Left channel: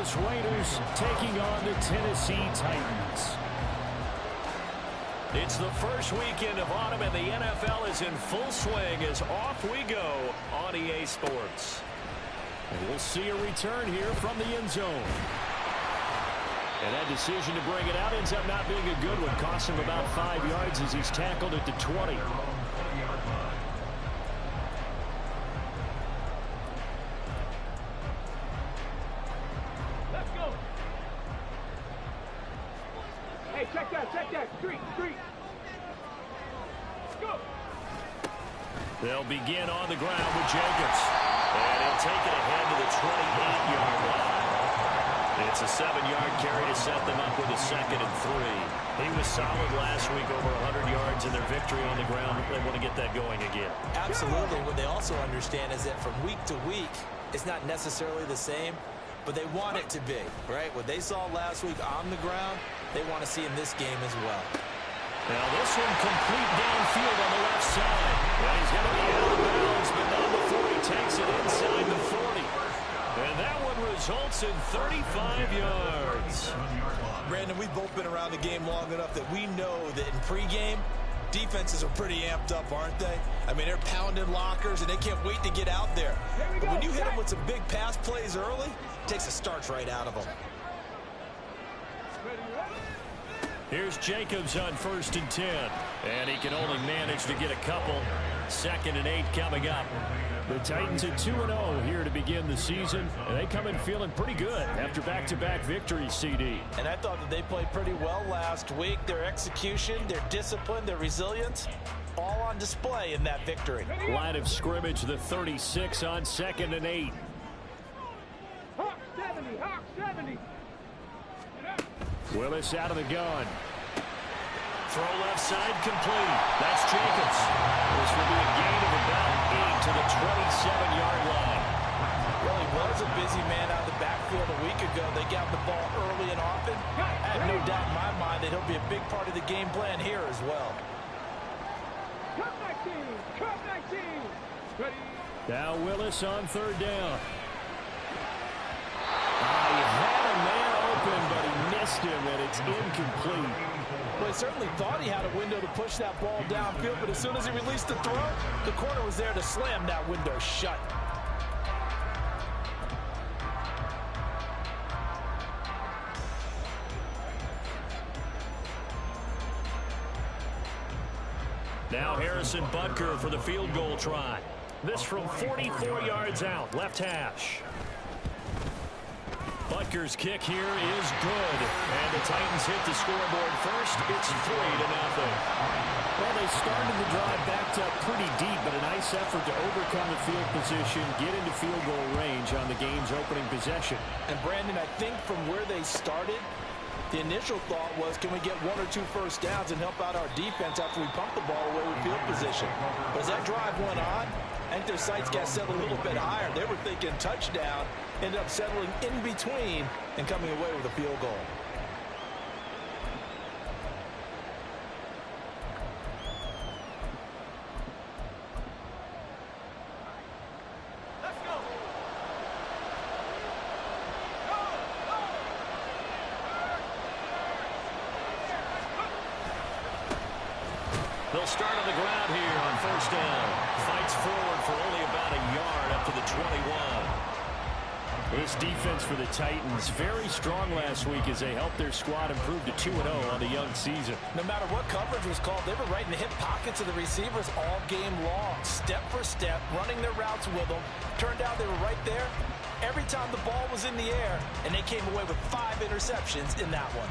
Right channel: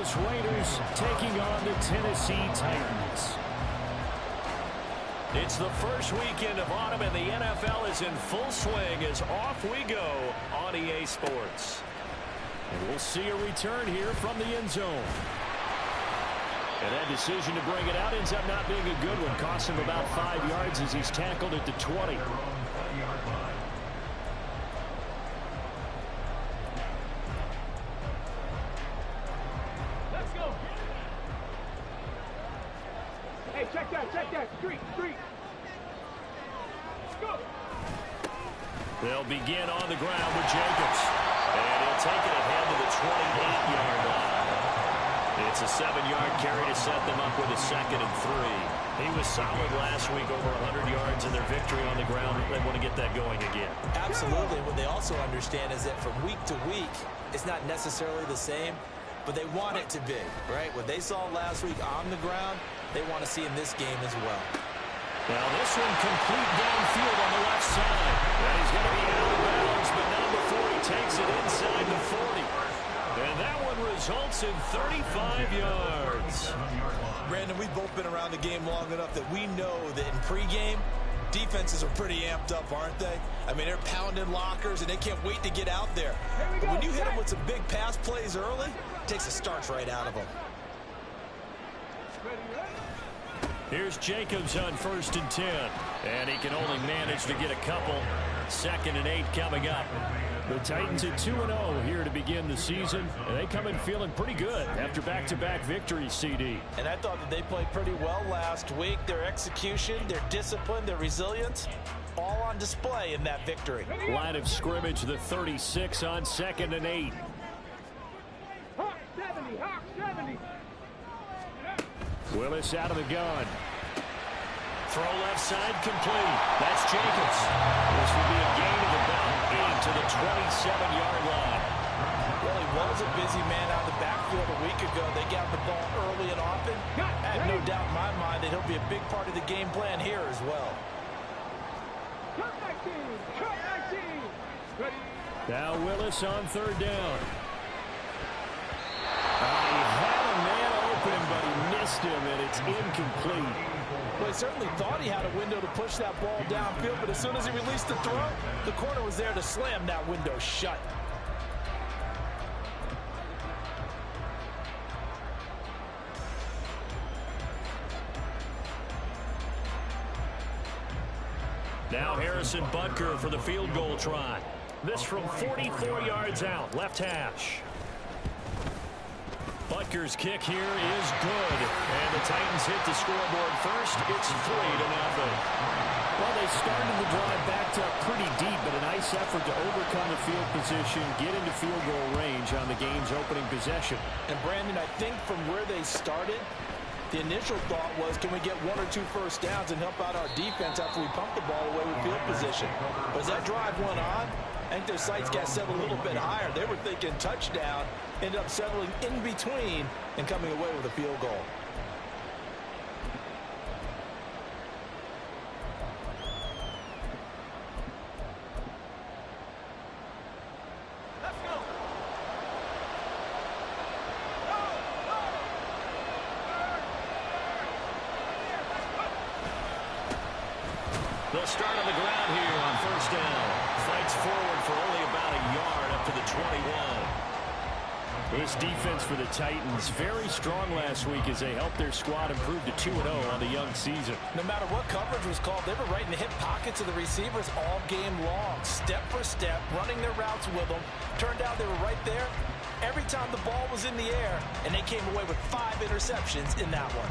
Vegas Raiders taking on the Tennessee Titans. It's the first weekend of autumn, and the NFL is in full swing as off we go on EA Sports. And we'll see a return here from the end zone. And that decision to bring it out ends up not being a good one. Costs him about 5 yards as he's tackled at the 20. Let's go. Hey, check that. Street. Let's go. They'll begin on the ground with Jacobs. And he'll take it ahead to the 28-yard line. It's a 7-yard carry to set them up with a 2nd and 3. He was solid last week, over 100 yards in their victory on the ground. They want to get that going again. Absolutely. What they also understand is that from week to week, it's not necessarily the same, but they want it to be, right? What they saw last week on the ground, they want to see in this game as well. Now this one complete downfield on the left side. And he's going to be out of bounds, but not before he takes it inside the 40. And that one results in 35 yards. Brandon, we've both been around the game long enough that we know that in pregame, defenses are pretty amped up, aren't they? I mean, they're pounding lockers, and they can't wait to get out there. But when you hit them with some big pass plays early, it takes the starch right out of them. Here's Jacobs on 1st and 10. And he can only manage to get a couple. 2nd and 8 coming up. The Titans at 2-0 here to begin the season. And they come in feeling pretty good after back-to-back victories, CD. And I thought that they played pretty well last week. Their execution, their discipline, their resilience, all on display in that victory. Line of scrimmage, the 36 on 2nd and 8. Hawk 70. Willis out of the gun. Throw left side complete. That's Jacobs. This will be a gain of about 8 to the 27-yard line. Well, he was a busy man out of the backfield a week ago. They got the ball early and often. I have no doubt in my mind that he'll be a big part of the game plan here as well. Cut 19. Ready. Now Willis on 3rd down. He had a man open, but he missed him, and it's incomplete. Well, he certainly thought he had a window to push that ball downfield, but as soon as he released the throw, the corner was there to slam that window shut. Now Harrison Butker for the field goal try. This from 44 yards out, left hash. Butker's kick here is good. And the Titans hit the scoreboard first. It's 3-0. Well, they started the drive backed up pretty deep, but a nice effort to overcome the field position, get into field goal range on the game's opening possession. And, Brandon, I think from where they started, the initial thought was, can we get 1 or 2 first downs and help out our defense after we pump the ball away with field position? But as that drive went on, I think their sights got set a little bit higher. They were thinking touchdown, ended up settling in between and coming away with a field goal. Let's go. They'll start on the ground here on 1st down. Fights forward for only about a yard up to the 21. This defense for the Titans, very strong last week as they helped their squad improve to 2-0 on the young season. No matter what coverage was called, they were right in the hip pockets of the receivers all game long. Step for step, running their routes with them. Turned out they were right there every time the ball was in the air, and they came away with 5 interceptions in that one.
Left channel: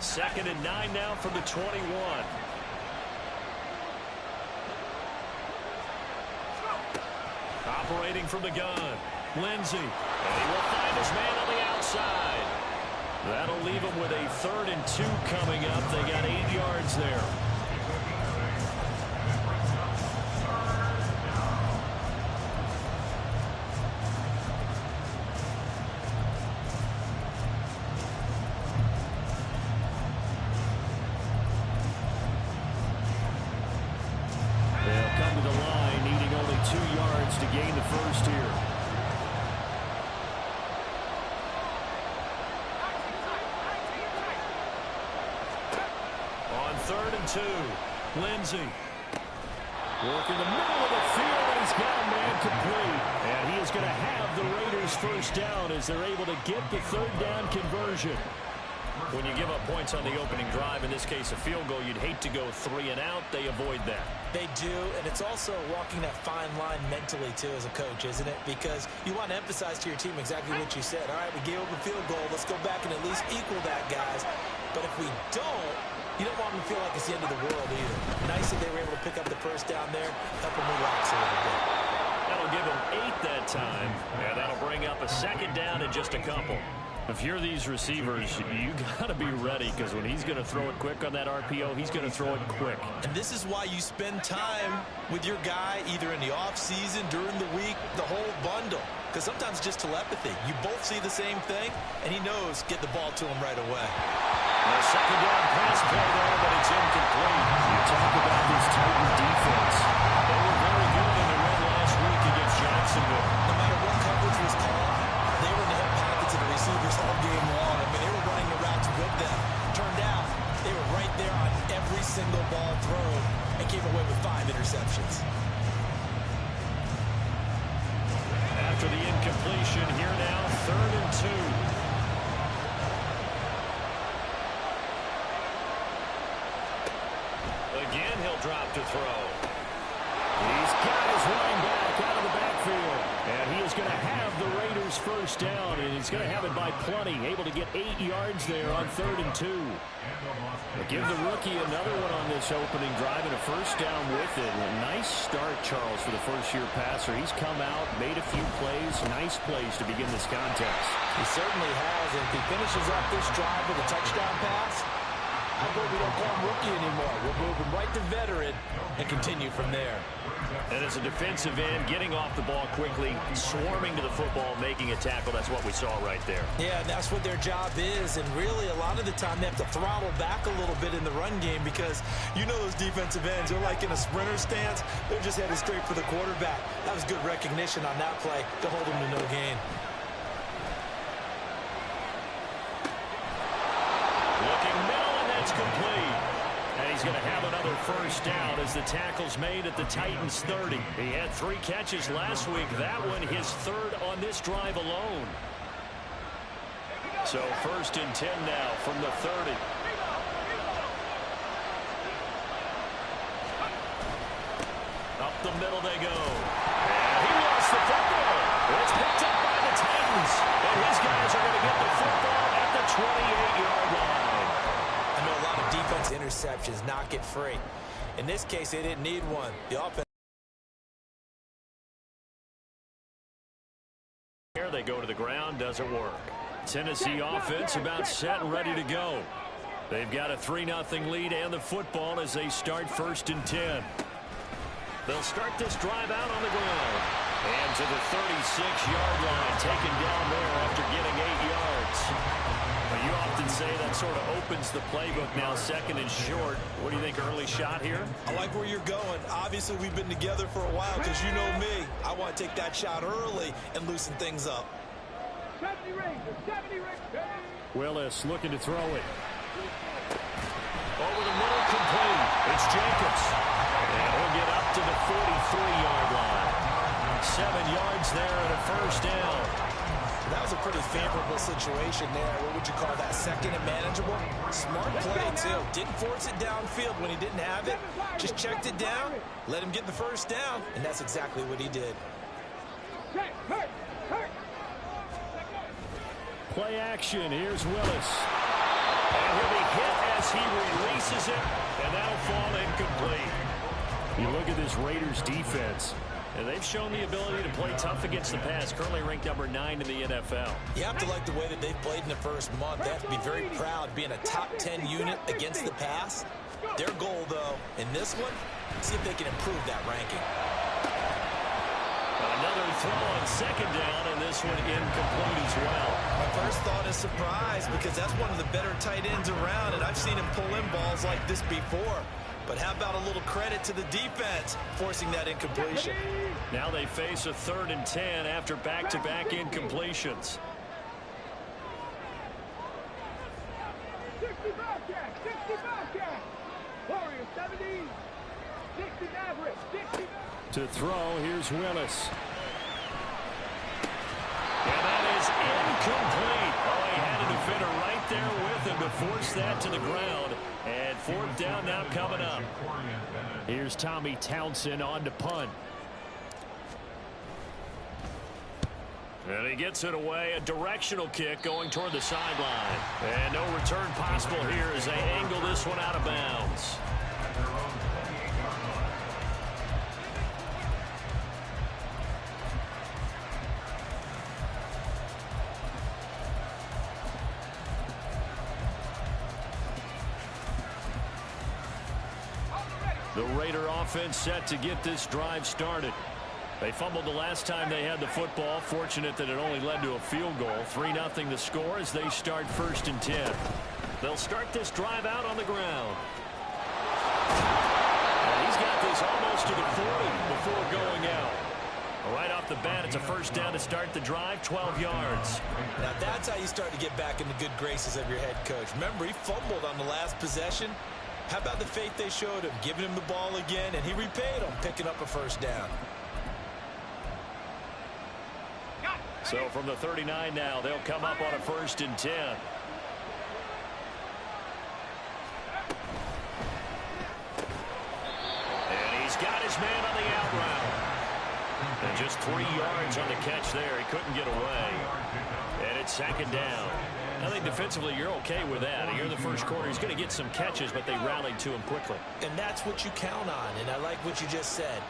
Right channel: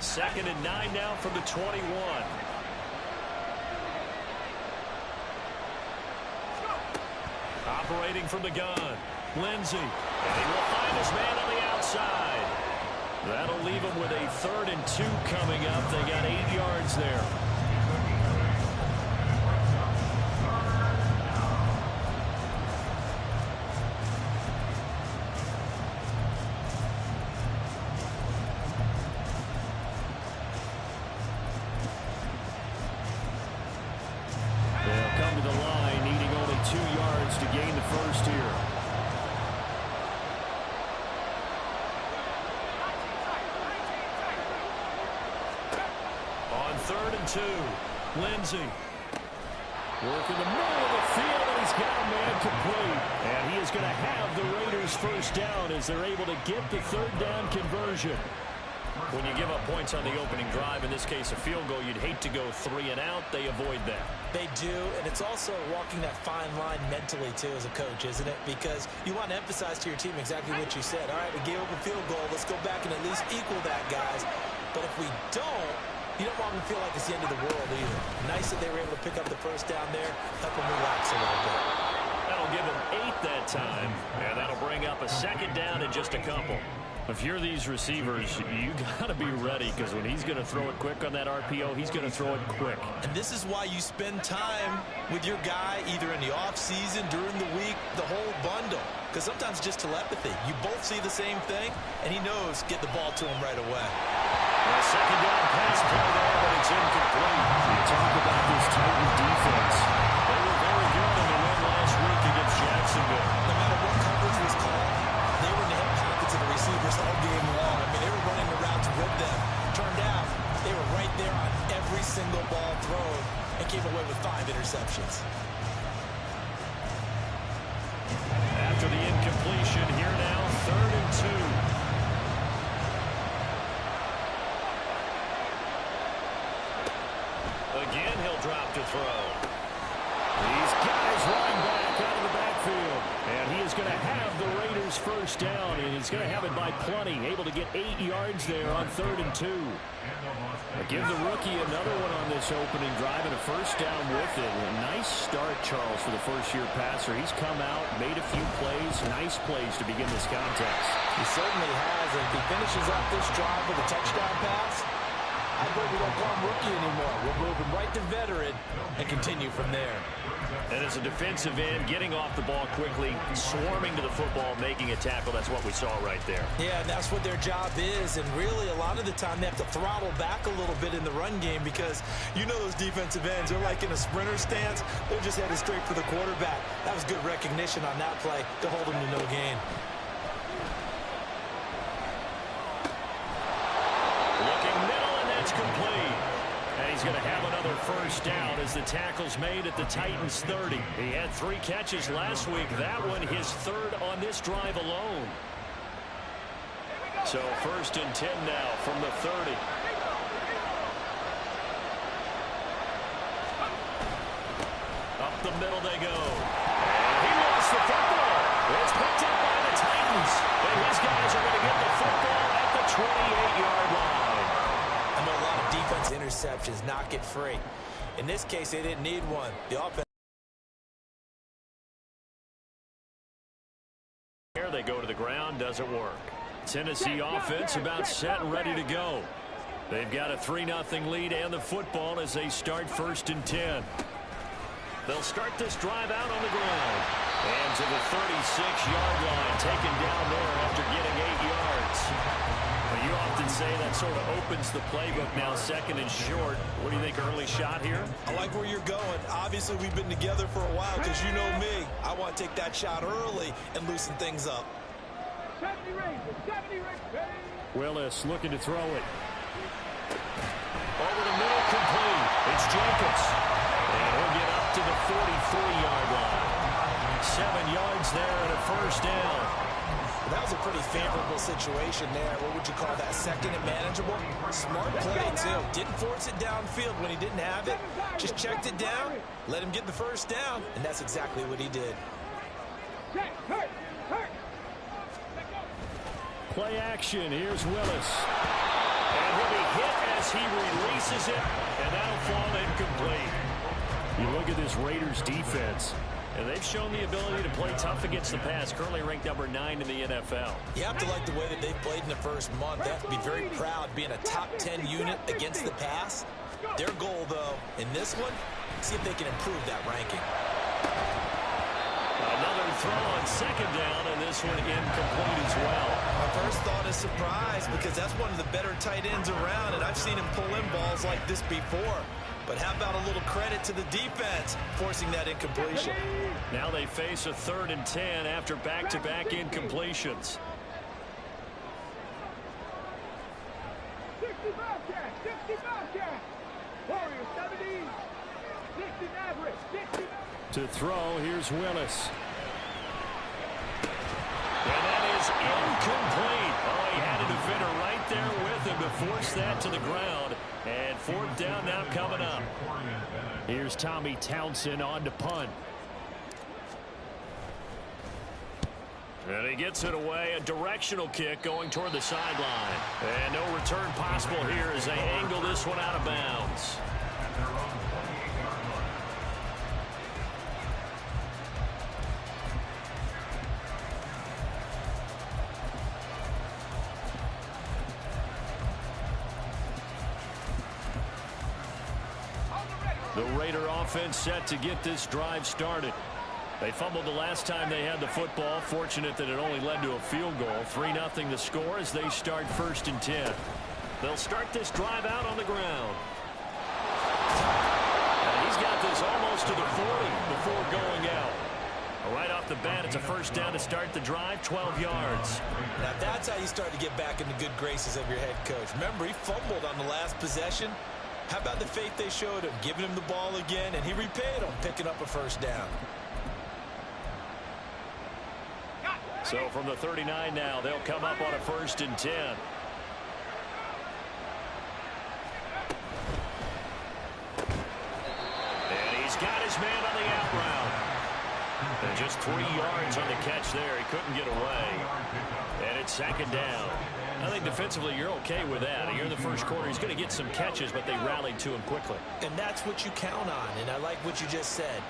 Second and 9 now from the 21. Operating from the gun, Lindsey. And he will find his man on the outside. That'll leave him with a 3rd and 2 coming up. They got 8 yards there. the line, needing only 2 yards to gain the first here. On 3rd and 2, Lindsey. Working the middle of the field, and he's got a man complete. And he is going to have the Raiders first down as they're able to get the 3rd down conversion. When you give up points on the opening drive, in this case a field goal, you'd hate to go 3 and out. They avoid that. They do, and it's also walking that fine line mentally, too, as a coach, isn't it? Because you want to emphasize to your team exactly what you said. All right, we gave up a field goal. Let's go back and at least equal that, guys. But if we don't, you don't want them to feel like it's the end of the world either. Nice that they were able to pick up the first down there, help them relax a little bit. That'll give them 8 that time, and that'll bring up a 2nd down in just a couple. If you're these receivers, you got to be ready, because when he's going to throw it quick on that RPO, he's going to throw it quick. And this is why you spend time with your guy either in the offseason, during the week, the whole bundle. Because sometimes just telepathy. You both see the same thing, and he knows get the ball to him right away. A 2nd down pass play there, but it's incomplete. You talk about this Titan defense. They were very good in the win last week against Jacksonville. No matter what coverage was called, they were in the hip pockets of the receivers all game long. I mean, they were running the routes with them. Turned out, they were right there on every single ball thrown and came away with 5 interceptions. After the incompletion, here now, 3rd and 2. Again, he'll drop to throw. These guys running back out of the backfield. And he is going to have the Raiders first down, and he's going to have it by plenty. Able to get 8 yards there on 3rd and 2. But give the rookie another one on this opening drive and a first down with it. A nice start, Charles, for the first-year passer. He's come out, made a few plays, nice plays to begin this contest. He certainly has, and if he finishes up this drive with a touchdown pass, I hope we don't call him rookie anymore. We'll move him right to veteran and continue from there. And as a defensive end, getting off the ball quickly, swarming to the football, making a tackle, that's what we saw right there. Yeah, and that's what their job is. And really, a lot of the time, they have to throttle back a little bit in the run game because you know those defensive ends, they're like in a sprinter stance. They're just headed straight for the quarterback. That was good recognition on that play to hold them to no gain. Looking middle, and that's complete. And he's going to have another first down as the tackle's made at the Titans' 30. He had 3 catches last week. That one his 3rd on this drive alone. So 1st and 10 now from the 30. Up the middle they go. And he lost the football. It's picked up by the Titans. And his guys are going to get the football at the 28-yard line. I know a lot of defense interceptions knock it free. In this case, they didn't need one. The offense. Here they go to the ground, doesn't work. Tennessee offense about set and ready to go. They've got a 3-0 lead and the football as they start 1st and 10. They'll start this drive out on the ground. And to the 36-yard line, taken down there after getting 8 yards. But you often say that sort of opens the playbook now, 2nd and short. What do you think, early shot here? I like where you're going. Obviously, we've been together for a while because you know me. I want to take that shot early and loosen things up. 70 Rangers, 70 Rangers. Willis looking to throw it. Over the middle, complete. It's Jacobs. And he'll get up to the 43-yard line. 7 yards there and a first down. That was a pretty favorable situation there. What would you call that? 2nd and manageable? Smart play, too. Didn't force it downfield when he didn't have it. Just checked it down, let him get the first down, and that's exactly what he did. Play action. Here's Willis. And he'll be hit as he releases it, and that'll fall incomplete. You look at this Raiders defense, and they've shown the ability to play tough against the pass, currently ranked number 9 in the NFL. You have to like the way that they've played in the first month. They have to be very proud being a top 10 unit against the pass. Their goal, though, in this one, see if they can improve that ranking. Another throw on 2nd down, and this one incomplete as well. My first thought is surprise because that's one of the better tight ends around, and I've seen him pull in balls like this before. But how about a little credit to the defense forcing that incompletion? Now they face a 3rd and 10 after back-to-back incompletions. 60 Bobcat, 60 Bobcat. Warriors 70, 60 Maverick, 60. To throw, here's Willis. And that is incomplete. Oh, he had a defender right there with him to force that to the ground. And 4th down now coming up. Here's Tommy Townsend on to punt. And he gets it away. A directional kick going toward the sideline. And no return possible here as they angle this one out of bounds. The Raider offense set to get this drive started. They fumbled the last time they had the football. Fortunate that it only led to a field goal. 3-0 the score as they start 1st and 10. They'll start this drive out on the ground. And he's got this almost to the 40 before going out. Right off the bat, it's a 1st down to start the drive, 12 yards. Now that's how you start to get back in the good graces of your head coach. Remember, he fumbled on the last possession. How about the faith they showed him, giving him the ball again, and he repaid them, picking up a 1st down. So from the 39 now, they'll come up on a 1st and 10. And he's got his man on the out route. And just 3 yards on the catch there. He couldn't get away. And it's 2nd down. I think defensively you're okay with that. Here in the 1st quarter, he's going to get some catches, but they rallied to him quickly. And that's what you count on, and I like what you just said.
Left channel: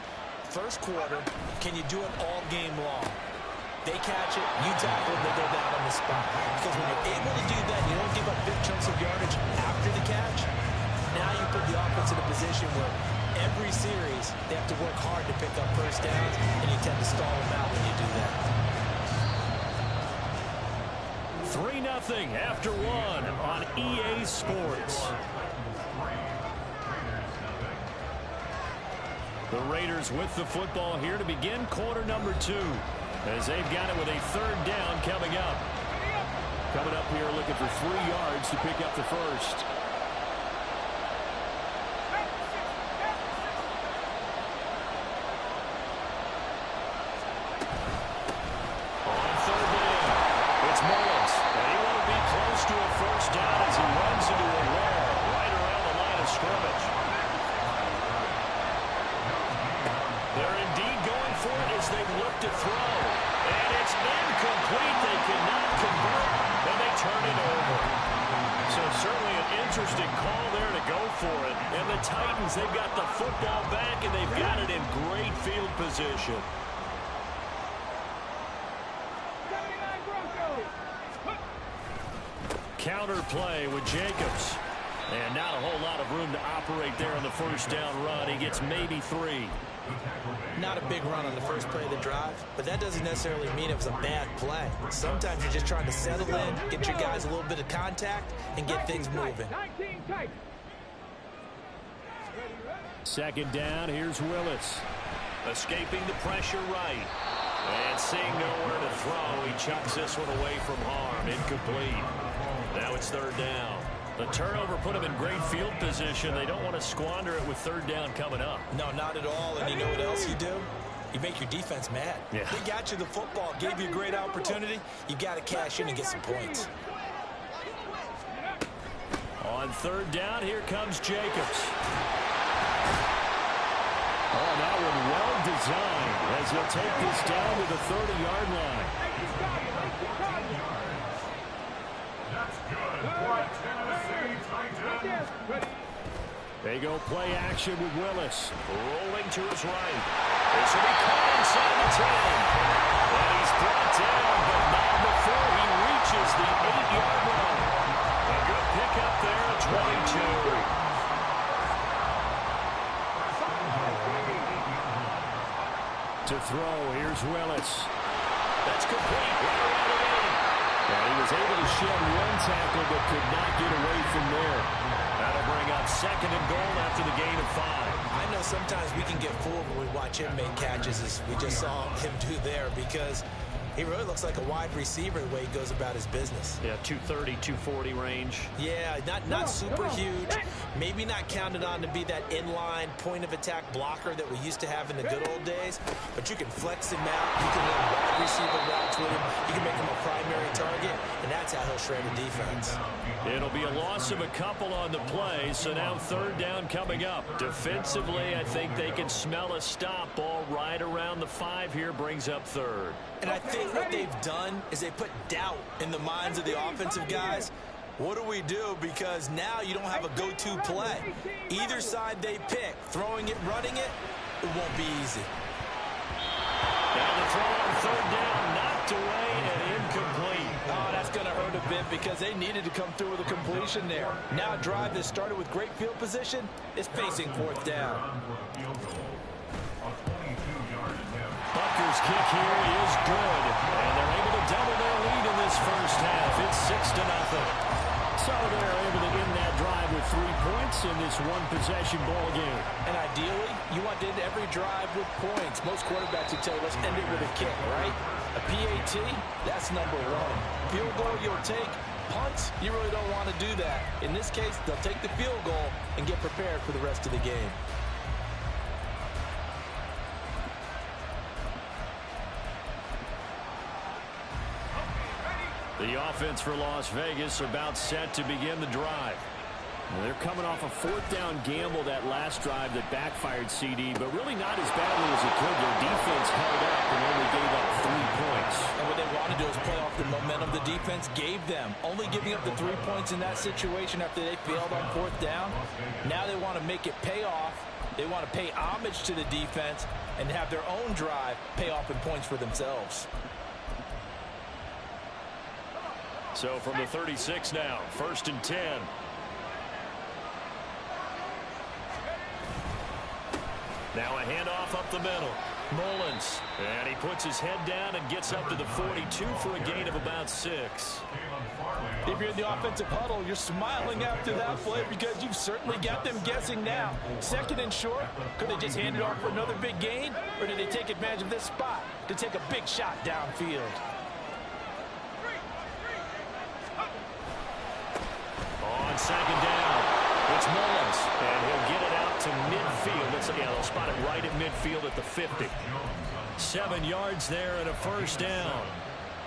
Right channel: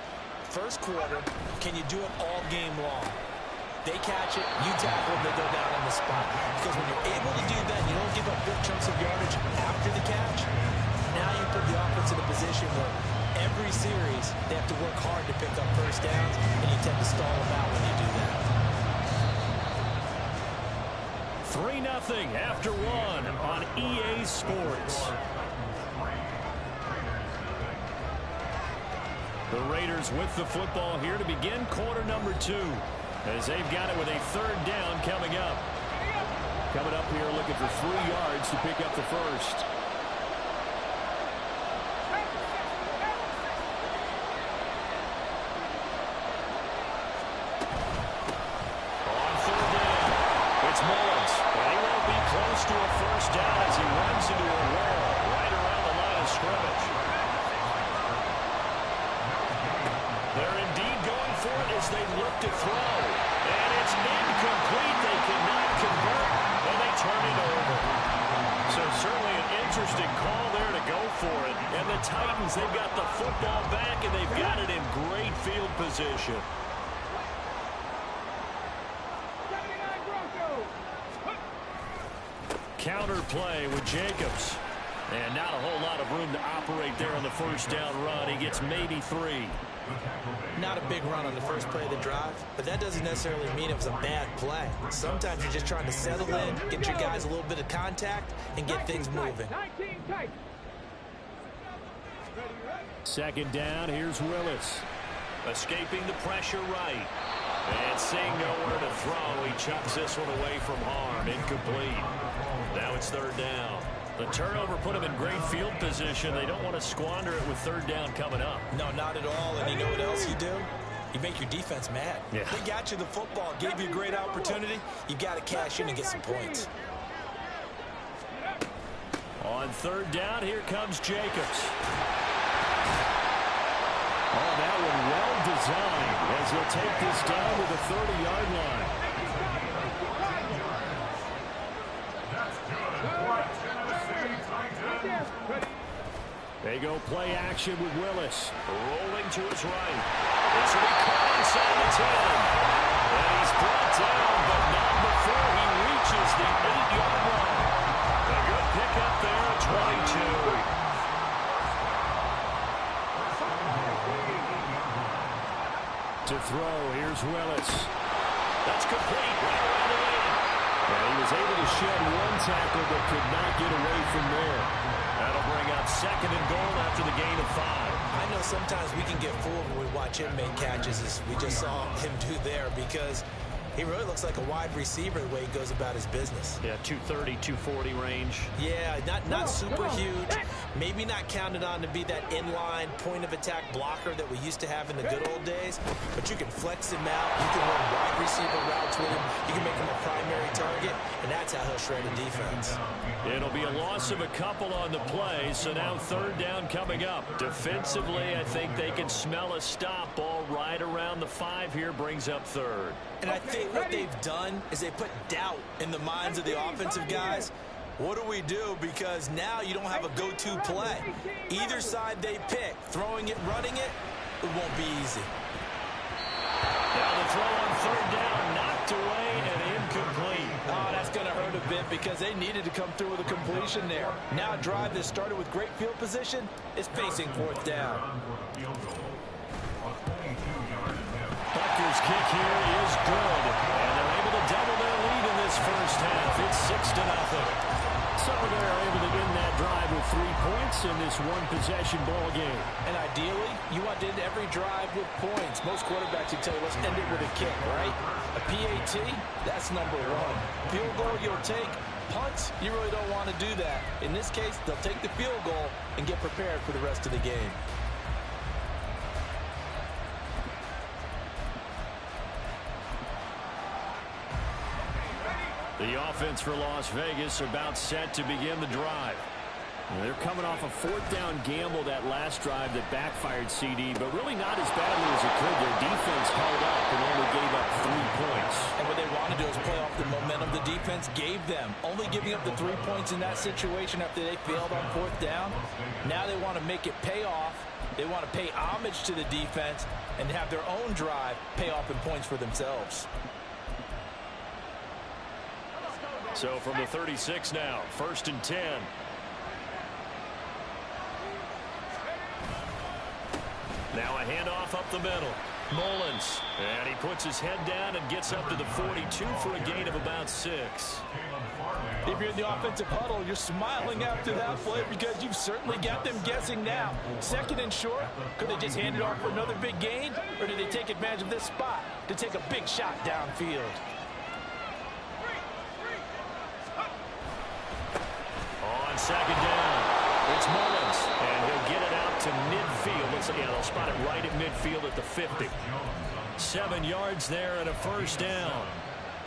1st quarter, can you do it all game long? They catch it, you tackle them, they go down on the spot. Because when you're able to do that, you don't give up big chunks of yardage after the catch. Now you put the offense in a position where every series they have to work hard to pick up 1st downs, and you tend to stall them out when you do that. 3-0 after 1 on EA Sports. The Raiders with the football here to begin quarter number 2. As they've got it with a 3rd down coming up. Coming up here looking for 3 yards to pick up the 1st. On 3rd down, it's Mullins. And he won't be close to a 1st down as he runs into a wall right around the line of scrimmage. They're indeed going for it as they look to throw. And it's incomplete. They cannot convert, and they turn it over. So certainly an interesting call there to go for it. And the Titans, they've got the football back, and they've got it in great field position. 79 Broncos. Counter play with Jacobs. And not a whole lot of room to operate there on the 1st down run. He gets maybe 3. Not a big run on the first play of the drive, but that doesn't necessarily mean it was a bad play. Sometimes you're just trying to settle in, get your guys a little bit of contact, and get things moving. 19 tight. 2nd down, here's Willis. Escaping the pressure right. And seeing nowhere to throw, he chucks this one away from harm. Incomplete. Now it's 3rd down. The turnover put them in great field position. They don't want to squander it with 3rd down coming up. No, not at all. And you know what else you do? You make your defense mad. Yeah. They got you the football, gave you a great opportunity. You've got to cash in and get some points. On 3rd down, here comes Jacobs. Oh, that one well designed as he'll take this down to the 30-yard line. They go play action with Willis. Rolling to his right. This will be caught inside the 10. And he's brought down, but not before he reaches the 8-yard line. A good pickup there at 22. To throw, here's Willis. That's complete right around the 8. And he was able to shed one tackle but could not get away from there. That'll bring up 2nd and goal after the gain of 5. I know sometimes we can get fooled when we watch him make catches, as we just saw him do there, because he really looks like a wide receiver the way he goes about his business. Yeah, 230, 240 range. Yeah, not super huge. Maybe not counted on to be that inline point-of-attack blocker that we used to have in the good old days. But you can flex him out. You can run wide receiver routes with him. You can make him a primary target, and that's how he'll shred a defense. It'll be a loss of a couple on the play, so now 3rd down coming up. Defensively, I think they can smell a stop. Ball right around the 5 here brings up 3rd. And I think what they've done is they put doubt in the minds of the offensive guys. What do we do? Because now you don't have a go-to play. Either side they pick, throwing it, running it, it won't be easy. Now the throw on 3rd down, knocked away and incomplete. Oh, that's going to hurt a bit because they needed to come through with a completion there. Now a drive that started with great field position is facing 4th down. Butker's kick here is good, and they're able to double their lead in this first half. It's 6-0. So they're able to end that drive with 3 points in this one-possession ball game. And ideally, you want to end every drive with points. Most quarterbacks would tell you, let's end it with a kick, right? A PAT, that's number 1. Field goal you'll take. Punts, you really don't want to do that. In this case, they'll take the field goal and get prepared for the rest of the game. The offense for Las Vegas about set to begin the drive. They're coming off a 4th down gamble that last drive that backfired CD, but really not as badly as it could. Their defense held up and only gave up 3 points. And what they want to do is play off the momentum the defense gave them. Only giving up the 3 points in that situation after they failed on 4th down. Now they want to make it pay off. They want to pay homage to the defense and have their own drive pay off in points for themselves. So from the 36 now, 1st and 10. Now a handoff up the middle. Mullins. And he puts his head down and gets up to the 42 for a gain of about 6. If you're in the offensive huddle, you're smiling after that play because you've certainly got them guessing now. 2nd and short, could they just hand it off for another big gain? Or did they take advantage of this spot to take a big shot downfield? On 2nd down, it's Mullins, and he'll get it out to midfield. They'll spot it right at midfield at the 50. 7 yards there and a 1st down.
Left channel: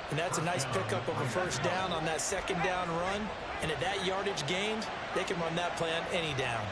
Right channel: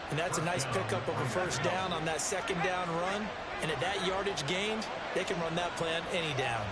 And that's a nice pickup of a 1st down on that 2nd down run. And at that yardage gained, they can run that play on any down.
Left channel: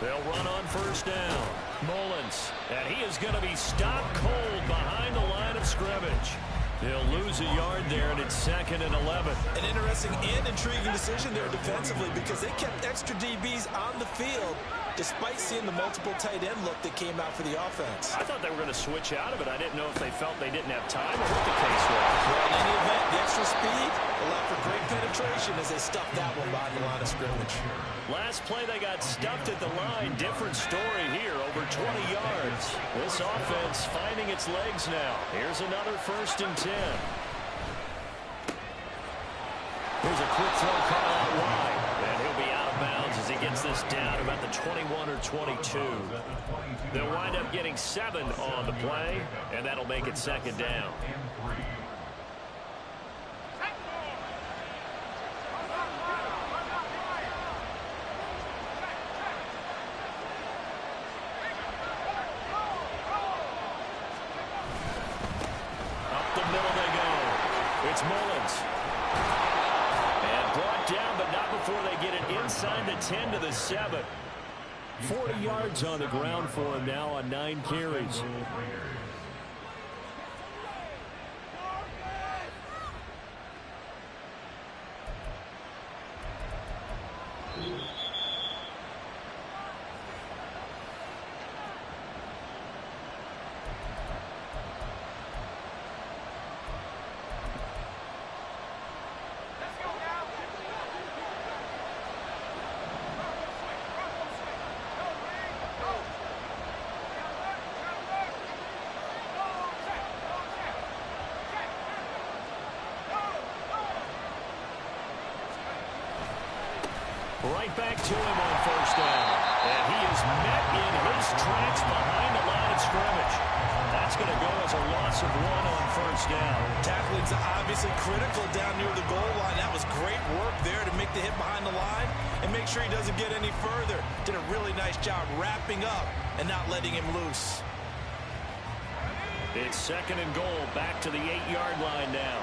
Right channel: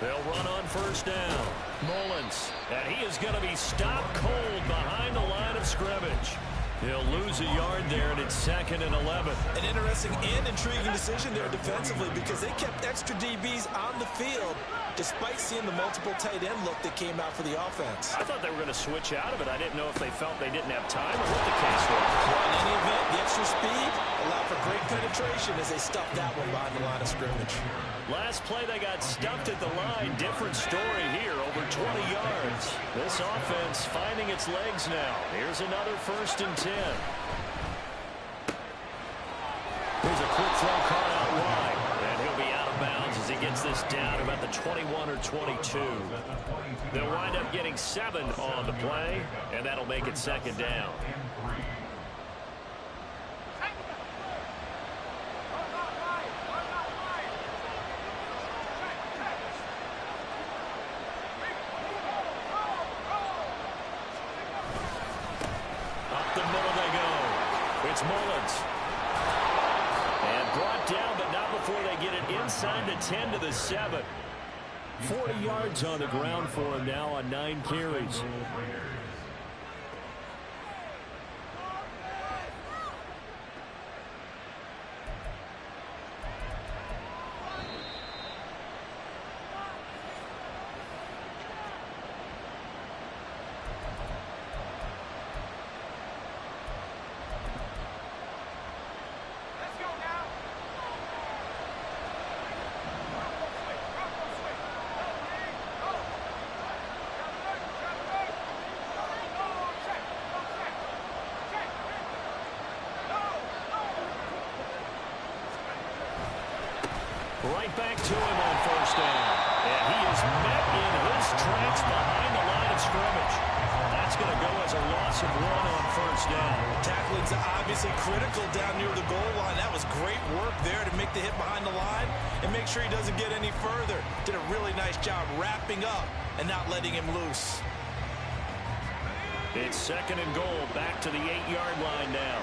They'll run on 1st down. Mullins, and he is going to be stopped cold behind the line of scrimmage. He'll lose a yard there, and it's 2nd and 11. An interesting and intriguing decision there defensively because they kept extra DBs on the field despite seeing the multiple tight end look that came out for the offense. I thought they were going to switch out of it. I didn't know if they felt they didn't have time or what the case was. Well, in any event, the extra speed allowed for great penetration as they stuffed that one behind the line of scrimmage. Last play, they got stuffed at the line. Different story here, over 20 yards. This offense finding its legs now. Here's another 1st and 10. Here's a quick throw caught out wide. And he'll be out of bounds as he gets this down about the 21 or 22. They'll wind up getting 7 on the play, and that'll make it 2nd down. Up the middle they go. It's Mullins. And brought down, but not before they get it inside the 10 to the 7. 40 yards on the ground for him now on 9 carries. Right back to him on first down. And he is met in his tracks behind the line of scrimmage. That's going to go as a loss of 1 on first down. Tackling's obviously critical down near the goal line. That was great work there to make the hit behind the line and make sure he doesn't get any further. Did a really nice job wrapping up and not letting him loose. It's 2nd and goal, back to the 8-yard line now.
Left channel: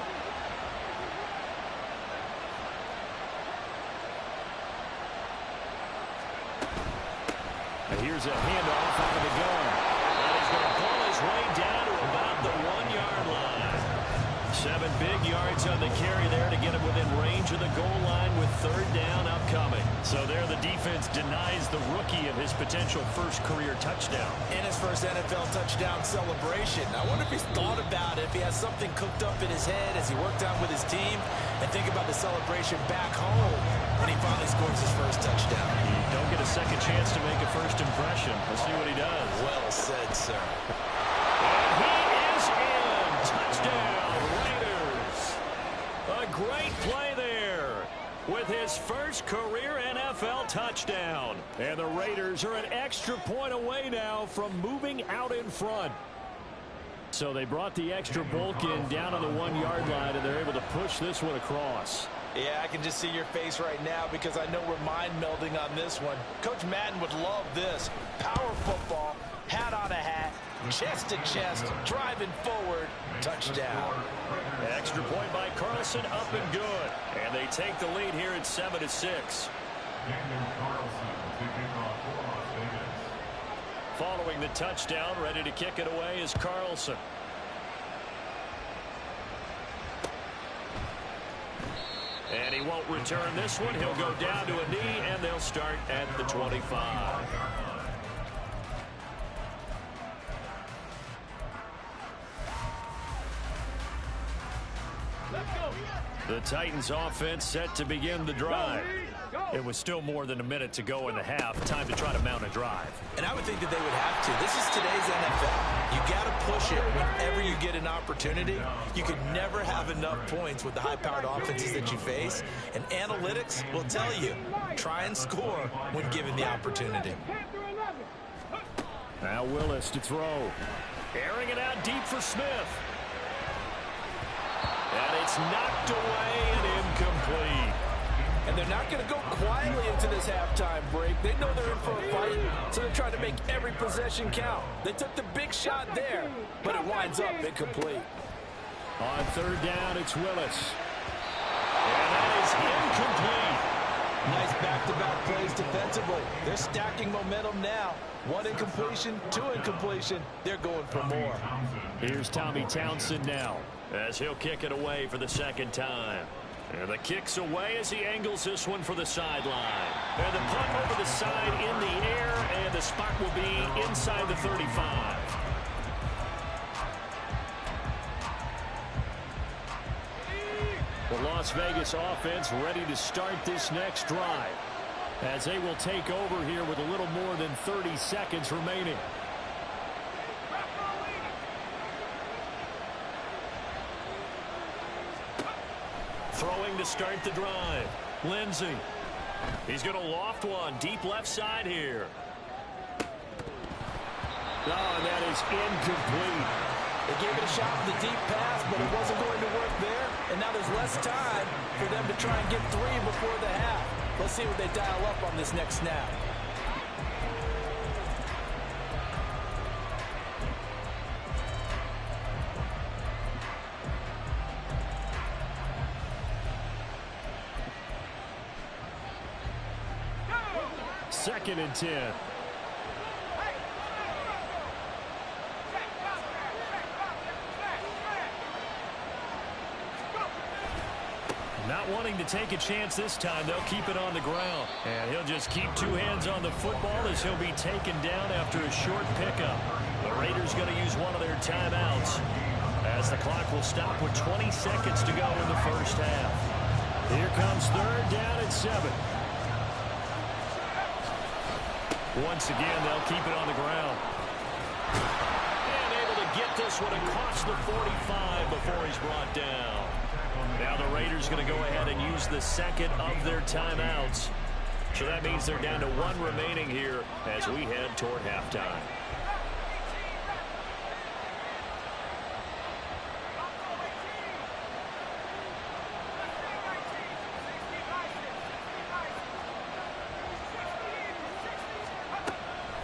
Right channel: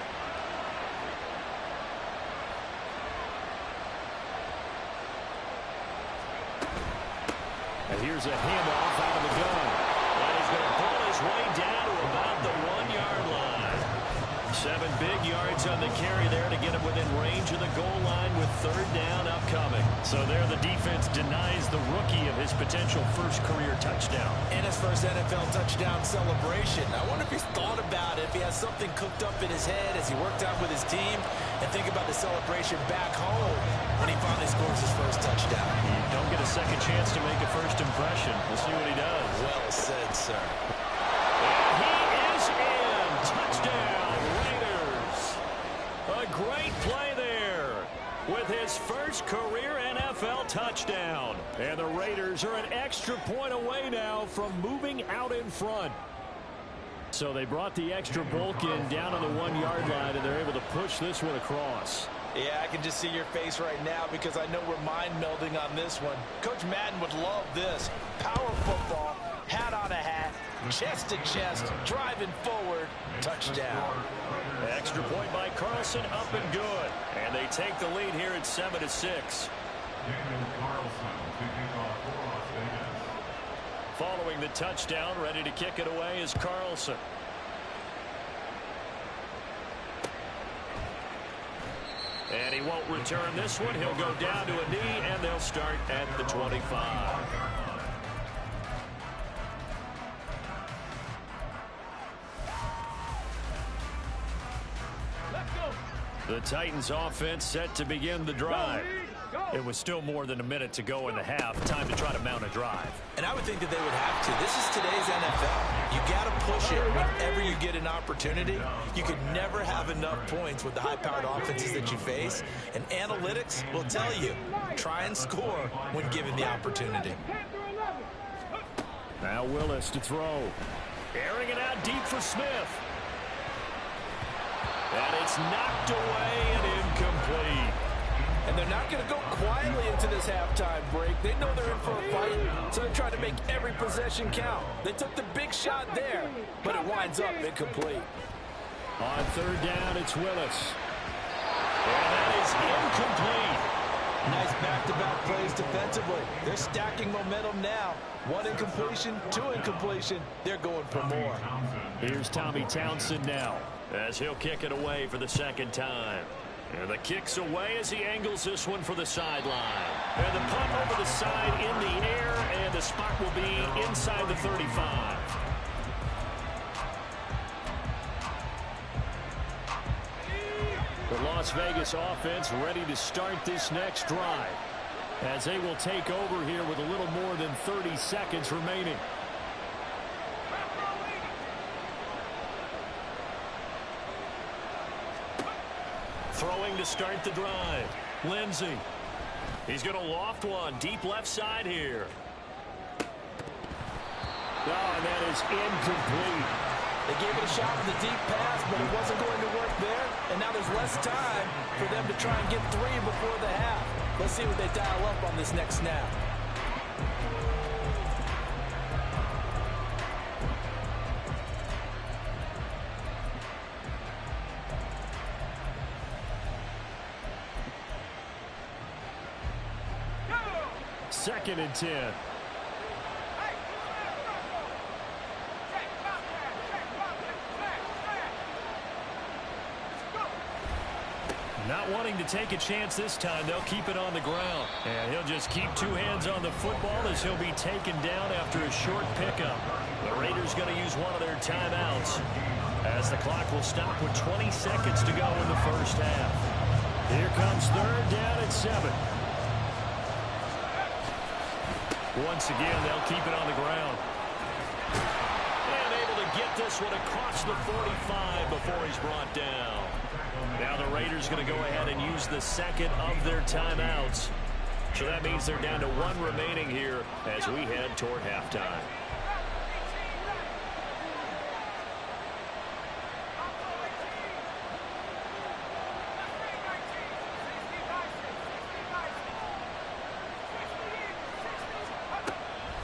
And here's a handoff out of the gun. And he's going to pull his way down to about the 1-yard line. 7 big yards on the carry there to get him within range of the goal line with 3rd down upcoming. So there the defense denies the rookie of his potential first career touchdown. And his first NFL touchdown celebration. I wonder if he's thought about it, if he has something cooked up in his head as he worked out with his team, and think about the celebration back home when he finally scores his first touchdown. You don't get a second chance to make a first impression. We'll see what he does. Well said, sir. And he is in. Touchdown, Raiders. A great play there with his first career NFL touchdown. And the Raiders are an extra point away now from moving out in front. So they brought the extra bulk in down on the 1-yard line, and they're able to push this one across. Yeah, I can just see your face right now because I know we're mind melding on this one. Coach Madden would love this. Power football, hat on a hat, chest to chest, driving forward, touchdown. Extra point by Carlson, up and good. And they take the lead here at 7-6. Following the touchdown, ready to kick it away is Carlson. And he won't return this one. He'll go down to a knee, and they'll start at the 25. Let's go. The Titans offense set to begin the drive. Go. It was still more than a minute to go in the half. Time to try to mount a drive. And I would think that they would have to. This is today's NFL. You got to push it whenever you get an opportunity. You can never have enough points with the high-powered offenses that you face. And analytics will tell you, try and score when given the opportunity. 10 through 11. Now Willis to throw. Airing it out deep for Smith. And it's knocked away and incomplete. And they're not going to go quietly into this halftime break. They know they're in for a fight, so they're trying to make every possession count. They took the big shot there, but it winds up incomplete. On 3rd down, it's Willis. And that is incomplete. Nice back-to-back plays defensively. They're stacking momentum now. 1 incompletion, 2 incompletion. They're going for more. Here's Tommy Townsend now, as he'll kick it away for the 2nd time. And the kick's away as he angles this one for the sideline. And the punt over the side in the air, and the spot will be inside the 35. The Las Vegas offense ready to start this next drive, as they will take over here with a little more than 30 seconds remaining. Throwing to start the drive. Lindsey. He's going to loft one deep left side here. Oh, and that is incomplete. They gave it a shot with a deep pass, but it wasn't going to work there. And now there's less time for them to try and get 3 before the half. Let's see what they dial up on this next snap. Second and 10. Not wanting to take a chance this time, they'll keep it on the ground. And he'll just keep 2 hands on the football as he'll be taken down after a short pickup. The Raiders going to use one of their timeouts, as the clock will stop with 20 seconds to go in the first half. Here comes 3rd down at 7. Once again, they'll keep it on the ground. And able to get this one across the 45 before he's brought down. Now the Raiders going to go ahead and use the 2nd of their timeouts. So that means they're down to 1 remaining here as we head toward halftime.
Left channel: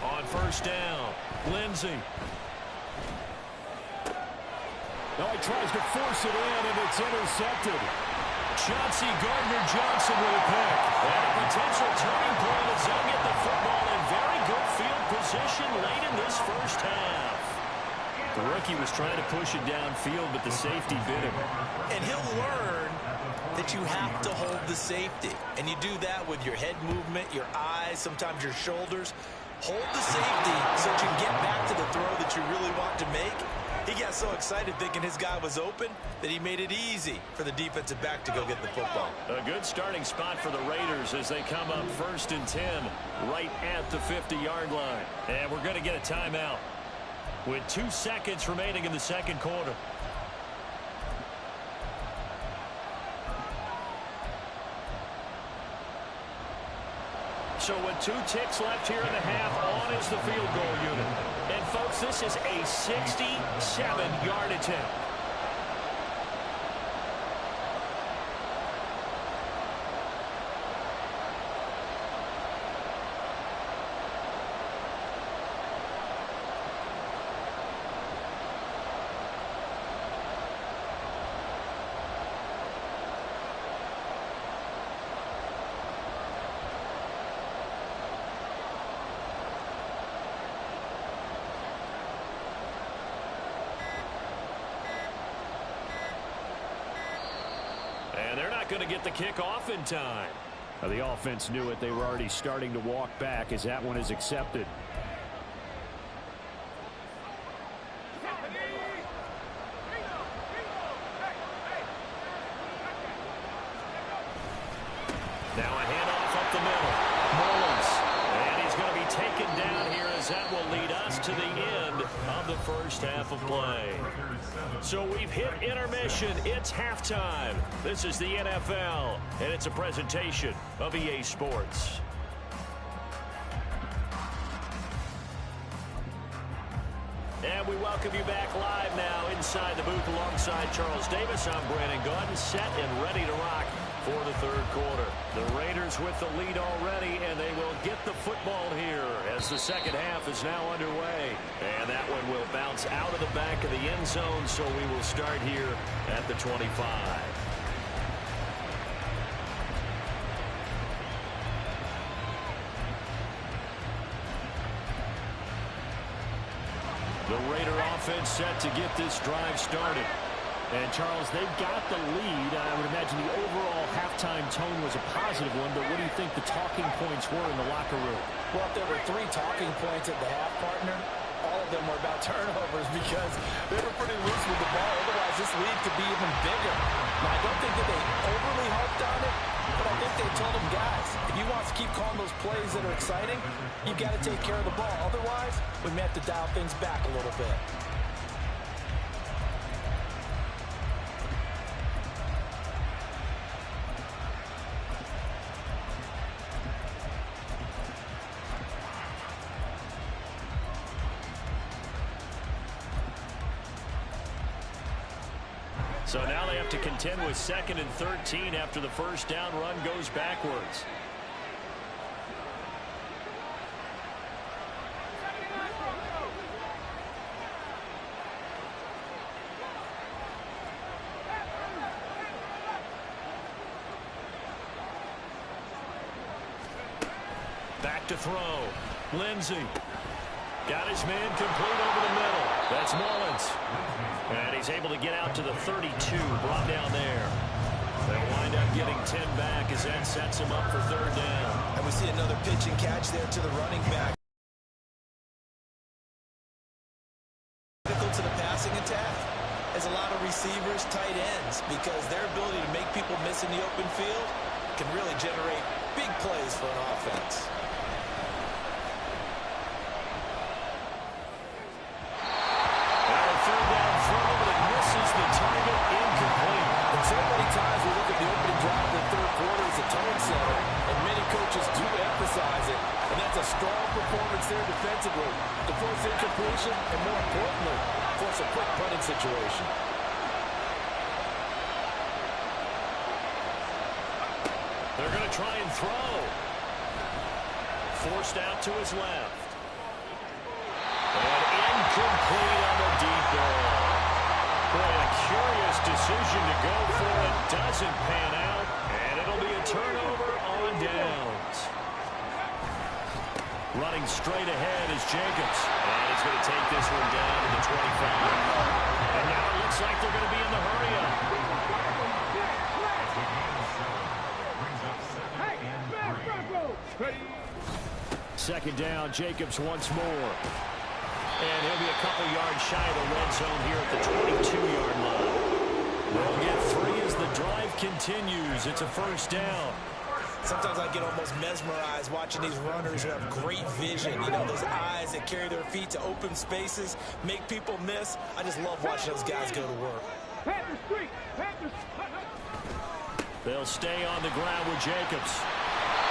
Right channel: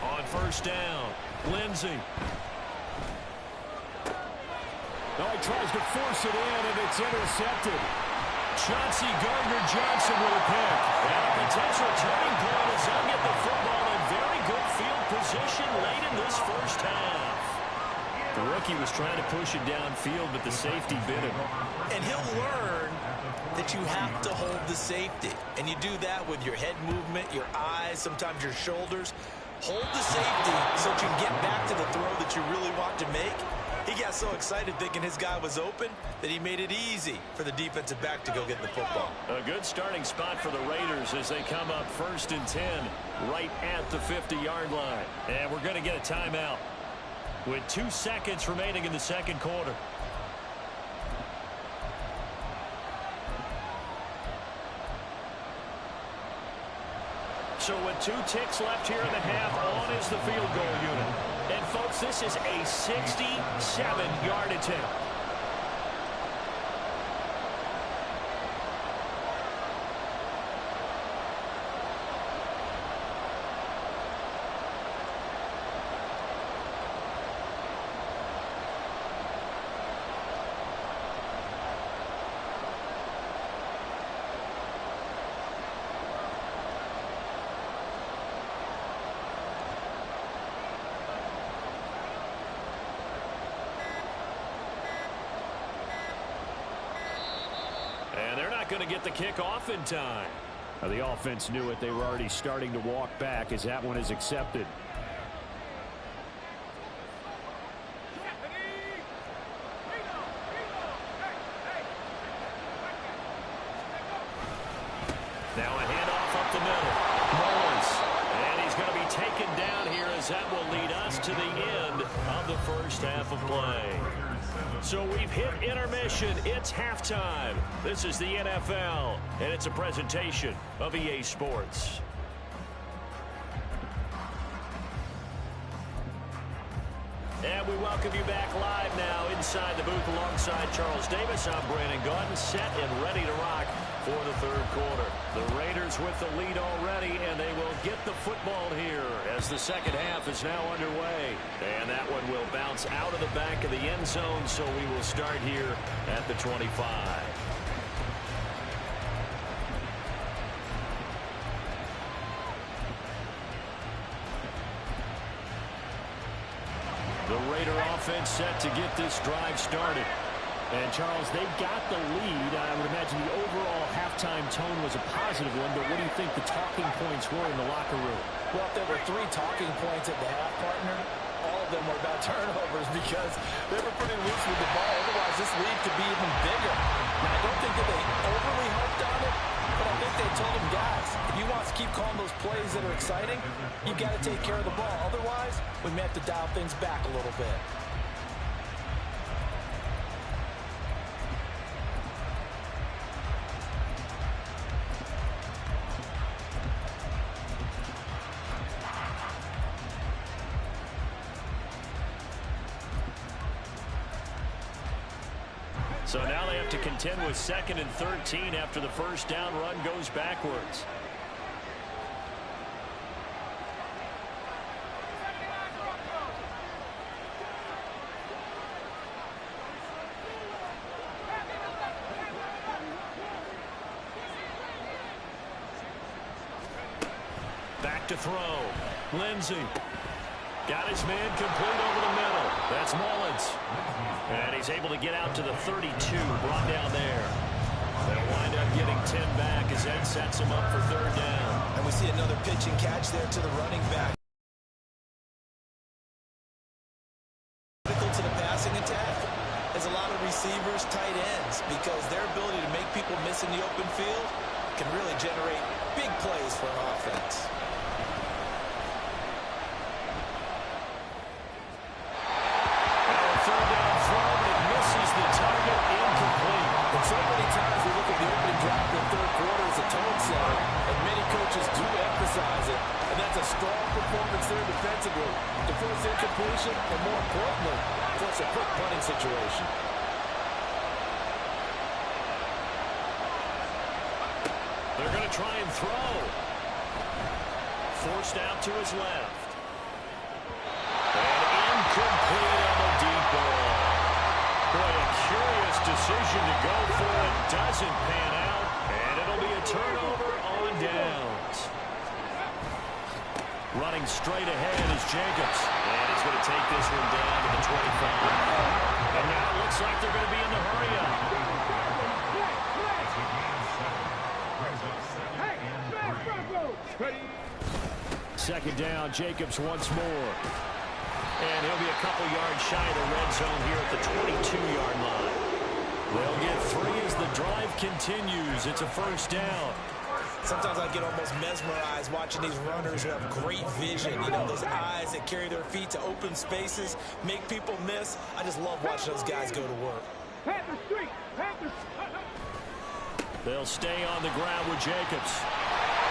On first down, Lindsey. Oh, he tries to force it in, and it's intercepted. Chauncey Gardner-Johnson with a pick. And a potential turning point as they'll get the football in very good field position late in this first half. The rookie was trying to push it downfield, but the safety bit him. And he'll learn that you have to hold the safety. And you do that with your head movement, your eyes, sometimes your shoulders. Hold the safety so that you can get back to the throw that you really want to make. He got so excited thinking his guy was open that he made it easy for the defensive back to go get the football. A good starting spot for the Raiders as they come up 1st and 10 right at the 50-yard line. And we're going to get a timeout with 2 seconds remaining in the second quarter. So with 2 ticks left here in the half, on is the field goal unit. And, folks, this is a 67-yard attempt. And they're not going to get the kick off in time. The offense knew it. They were already starting to walk back as that one is accepted. Now a handoff up the middle. Mullins. And he's going to be taken down here as that will lead us to the end of the first half of play. So we've hit intermission. It's halftime. This is the NFL, and it's a presentation of EA Sports. And we welcome you back live now inside the booth alongside Charles Davis. I'm Brandon Gaudin, set and ready to rock for the third quarter. The Raiders with the lead already, and they will get the football here as the second half is now underway. And that one will bounce out of the back of the end zone, so we will start here at the 25. The Raider offense set to get this drive started. And, Charles, they got the lead. I would imagine the overall halftime tone was a positive one, but what do you think the talking points were in the locker room? Well, if there were 3 talking points at the half, partner, all of them were about turnovers because they were pretty loose with the ball. Otherwise, this lead could be even bigger. Now, I don't think that they overly harped on it, but I think they told them, guys, if you want to keep calling those plays that are exciting, you've got to take care of the ball. Otherwise, we may have to dial things back a little bit. So now they have to contend with 2nd and 13 after the first down run goes backwards. Back to throw. Lindsey. Got his man complete over the middle. That's Mullins. And he's able to get out to the 32, brought down there. They'll wind up getting 10 back as that sets him up for third down. And we see another pitch and catch there to the running back. Critical to the passing attack is a lot of receivers, tight ends, because their ability to make people miss in the open field can really generate big plays for an offense. Third down throw, but it misses the target, incomplete. And so many times we look at the opening drive of the third quarter as a tone setter, and many coaches do emphasize it. And that's a strong performance there defensively to force incompletion and, more importantly, force a quick punting situation. They're going to try and throw. Forced out to his left. And incomplete on the deep ball. Boy, a curious decision to go for it. Doesn't pan out. And it'll be a turnover on downs. Running straight ahead is Jacobs. And he's going to take this one down to the 25. And now it looks like they're going to be in the hurry-up. Second down, Jacobs once more. And he'll be a couple yards shy of the red zone here at the 22-yard line. They'll get 3 as the drive continues. It's a first down. Sometimes I get almost mesmerized watching these runners who have great vision. You know, those eyes that carry their feet to open spaces, make people miss. I just love watching those guys go to work. Panther Street! Panther! They'll stay on the ground with Jacobs.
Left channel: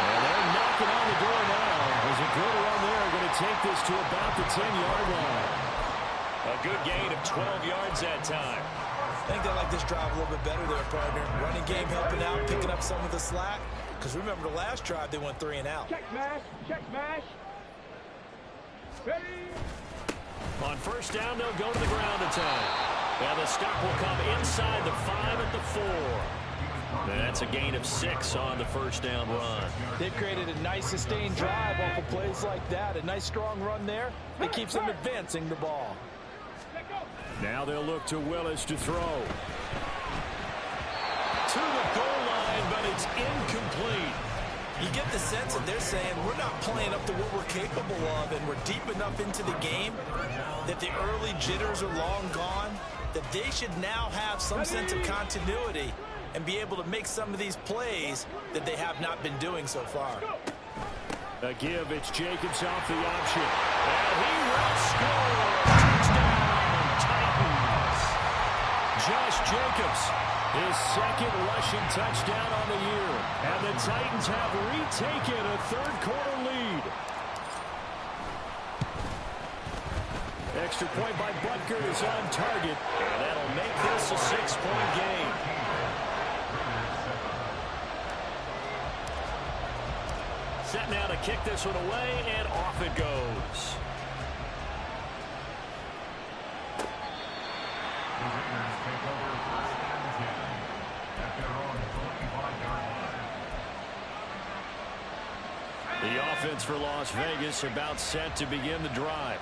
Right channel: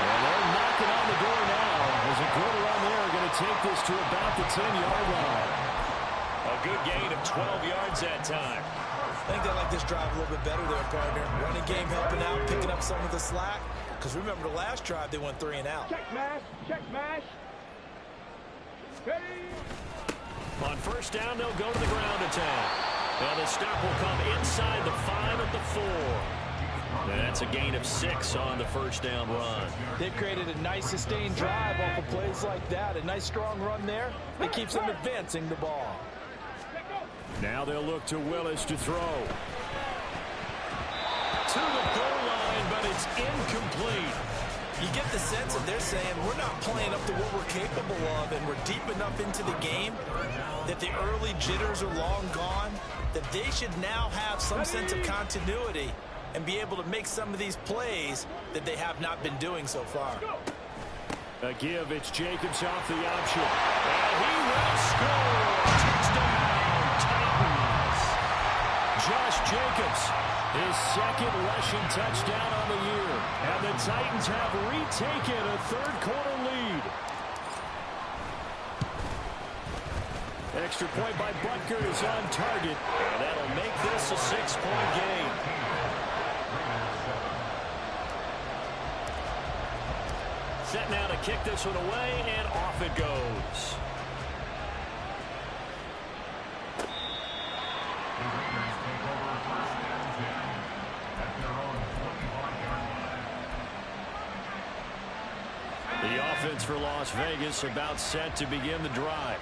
And they're knocking on the door now. There's a good run there. Going to take this to about the 10-yard line. A good gain of 12 yards that time. I think they like this drive a little bit better there, partner. Running game helping out, picking up some of the slack. Because remember, the last drive, they went 3 and out. Check smash! Check smash! Ready! On first down, they'll go to the ground attack. And the stop will come inside the 5 at the 4. That's a gain of 6 on the first down run. They've created a nice sustained drive off of plays like that. A nice strong run there. It keeps them advancing the ball. Now they'll look to Willis to throw. To the goal line, but it's incomplete. You get the sense that they're saying we're not playing up to what we're capable of, and we're deep enough into the game that the early jitters are long gone, that they should now have some sense of continuity and be able to make some of these plays that they have not been doing so far. A give, it's Jacobs off the option. And he will score. Touchdown, Titans. Josh Jacobs, his second rushing touchdown on the year. And the Titans have retaken a third-quarter lead. Extra point by Butker is on target. And that'll make this a 6-point game. Set now to kick this one away, and off it goes. The Raiders take over first and 10 at their own 25-yard line. The offense for Las Vegas about set to begin the drive.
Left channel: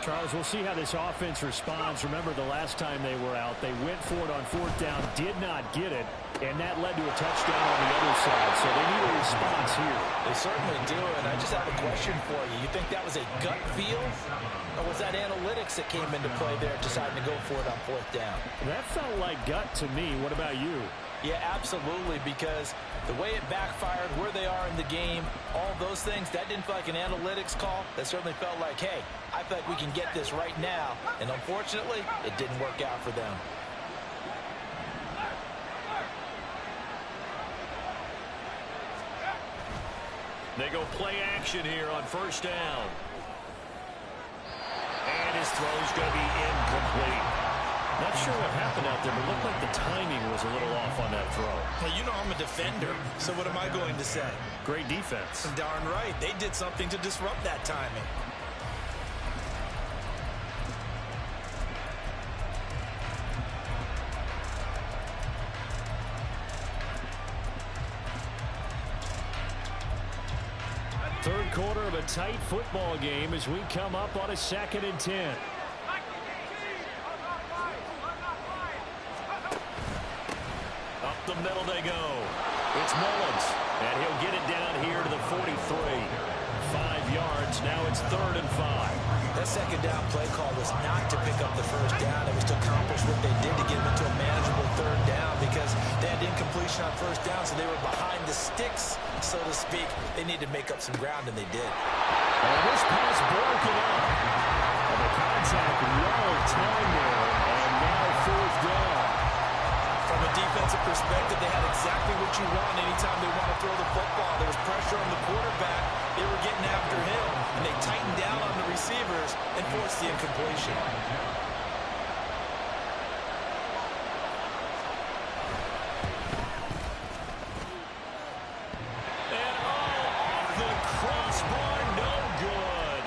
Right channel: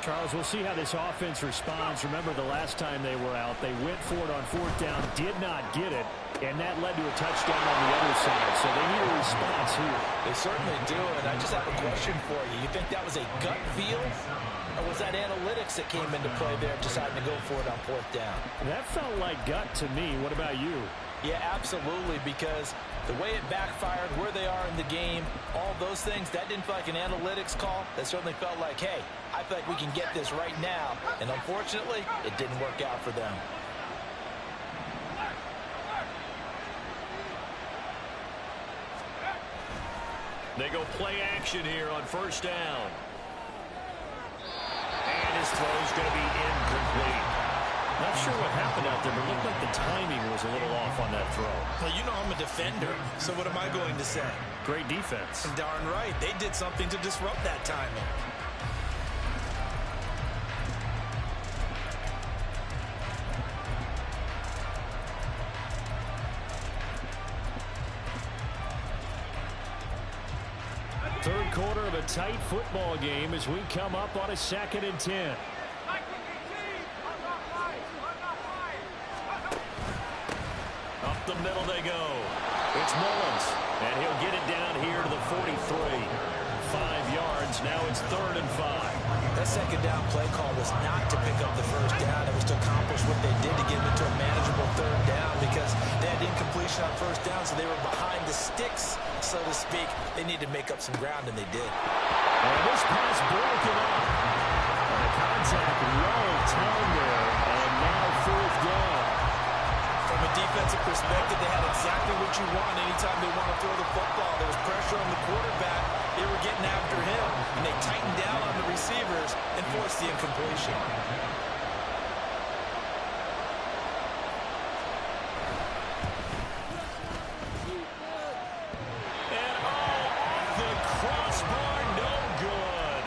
Charles, we'll see how this offense responds. Remember, the last time they were out, they went for it on fourth down, did not get it, and that led to a touchdown on the other side. So they need a response here. They certainly do, and I just have a question for you. You think that was a gut feel, or was that analytics that came into play there deciding to go for it on fourth down? That felt like gut to me. What about you? Yeah, absolutely, because the way it backfired, where they are in the game, all those things, that didn't feel like an analytics call. That certainly felt like, hey, I feel like we can get this right now. And unfortunately, it didn't work out for them. They go play action here on first down. And his throw's going to be incomplete. Not sure what happened out there, but it looked like the timing was a little off on that throw. Well, you know I'm a defender, so what am I going to say? Great defense. Darn right. They did something to disrupt that timing. Third quarter of a tight football game as we come up on a 2nd and 10. Up the middle they go. It's Mullins, and he'll get it down here to the 43. 5 yards. Now it's 3rd and 5. That second down play call was not to pick up the first down. It was to accomplish what they did to get them into a manageable 3rd down because they had incompletion on first down, so they were behind the sticks, so to speak. They needed to make up some ground, and they did. And this pass broken up. And the contact well timed there, and now 4th down. From a defensive perspective, they had exactly what you want anytime they want to throw the football. There was pressure on the quarterback. They were getting after him, and they tightened down on the receivers and forced the incompletion. And off the crossbar, no good.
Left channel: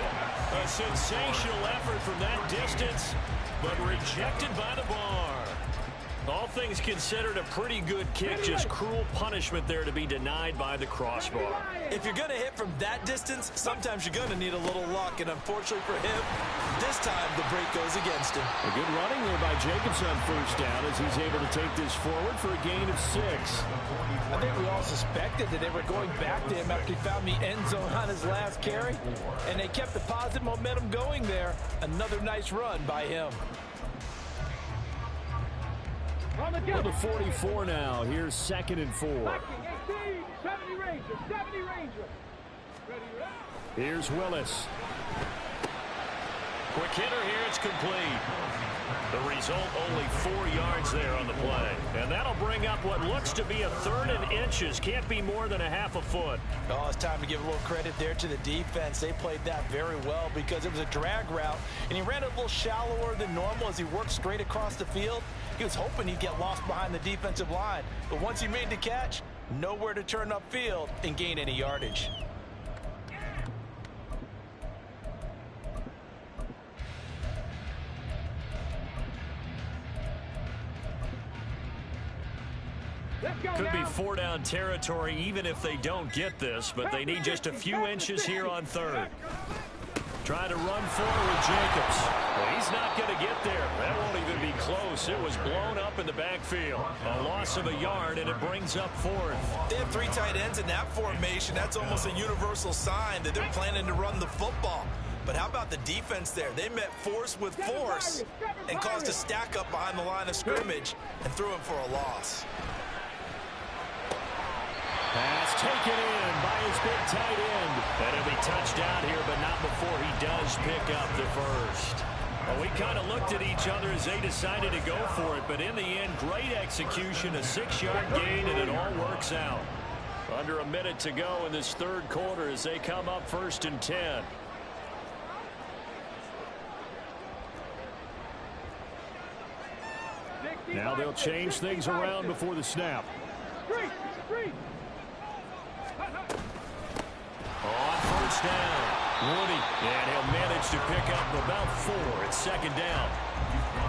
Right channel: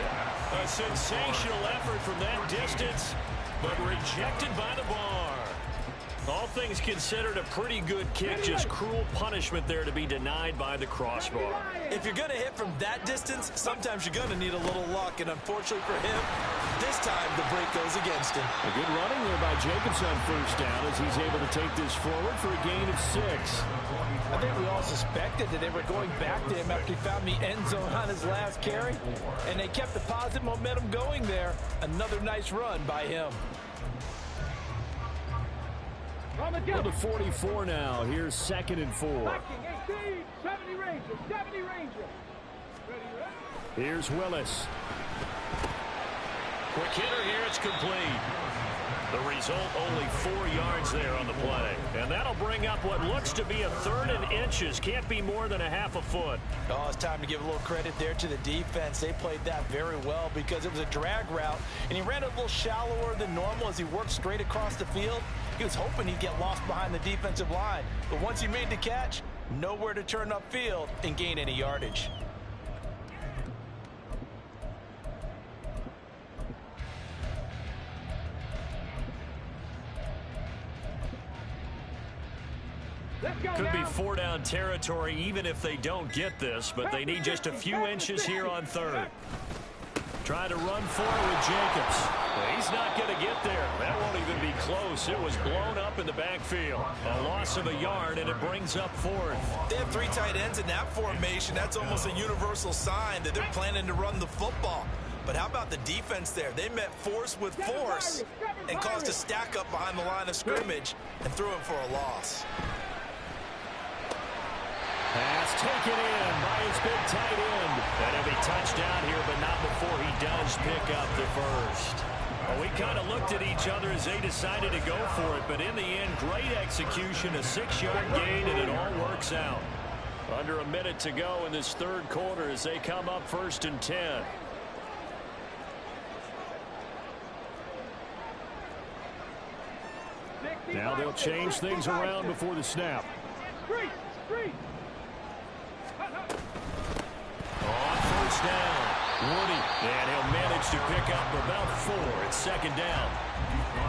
A sensational effort from that distance, but rejected by the bar. All things considered, a pretty good kick, just cruel punishment there to be denied by the crossbar. If you're going to hit from that distance, sometimes you're going to need a little luck, and unfortunately for him, this time the break goes against him. A good running there by Jacobs on first down as he's able to take this forward for a gain of 6. I think we all suspected that they were going back to him after he found the end zone on his last carry, and they kept the positive momentum going there. Another nice run by him. To the 44 now. Here's 2nd and 4. 18, 70 Ranger, 70 Ranger. Ready. Here's Willis. Quick hitter here, it's complete. The result, only 4 yards there on the play. And that'll bring up what looks to be a 3rd and inches. Can't be more than a half a foot. Oh, it's time to give a little credit there to the defense. They played that very well because it was a drag route, and he ran it a little shallower than normal as he worked straight across the field. He was hoping he'd get lost behind the defensive line. But once he made the catch, nowhere to turn upfield and gain any yardage. Could be 4-down territory even if they don't get this, but they need just a few inches here on 3rd. Trying to run for it with Jacobs. He's not going to get there. That won't even be close. It was blown up in the backfield. A loss of a yard, and it brings up 4th. They have 3 tight ends in that formation. That's almost a universal sign that they're planning to run the football. But how about the defense there? They met force with force and caused a stack up behind the line of scrimmage and threw him for a loss. Pass taken in by his big tight end. And he'll be touchdown here, but not before he does pick up the first. Well, we kind of looked at each other as they decided to go for it, but in the end, great execution, a 6-yard gain, and it all works out. Under a minute to go in this 3rd quarter as they come up 1st and 10. Now they'll change things around before the snap. Street. On 1st down, Woody, and he'll manage to pick up about 4. It's 2nd down.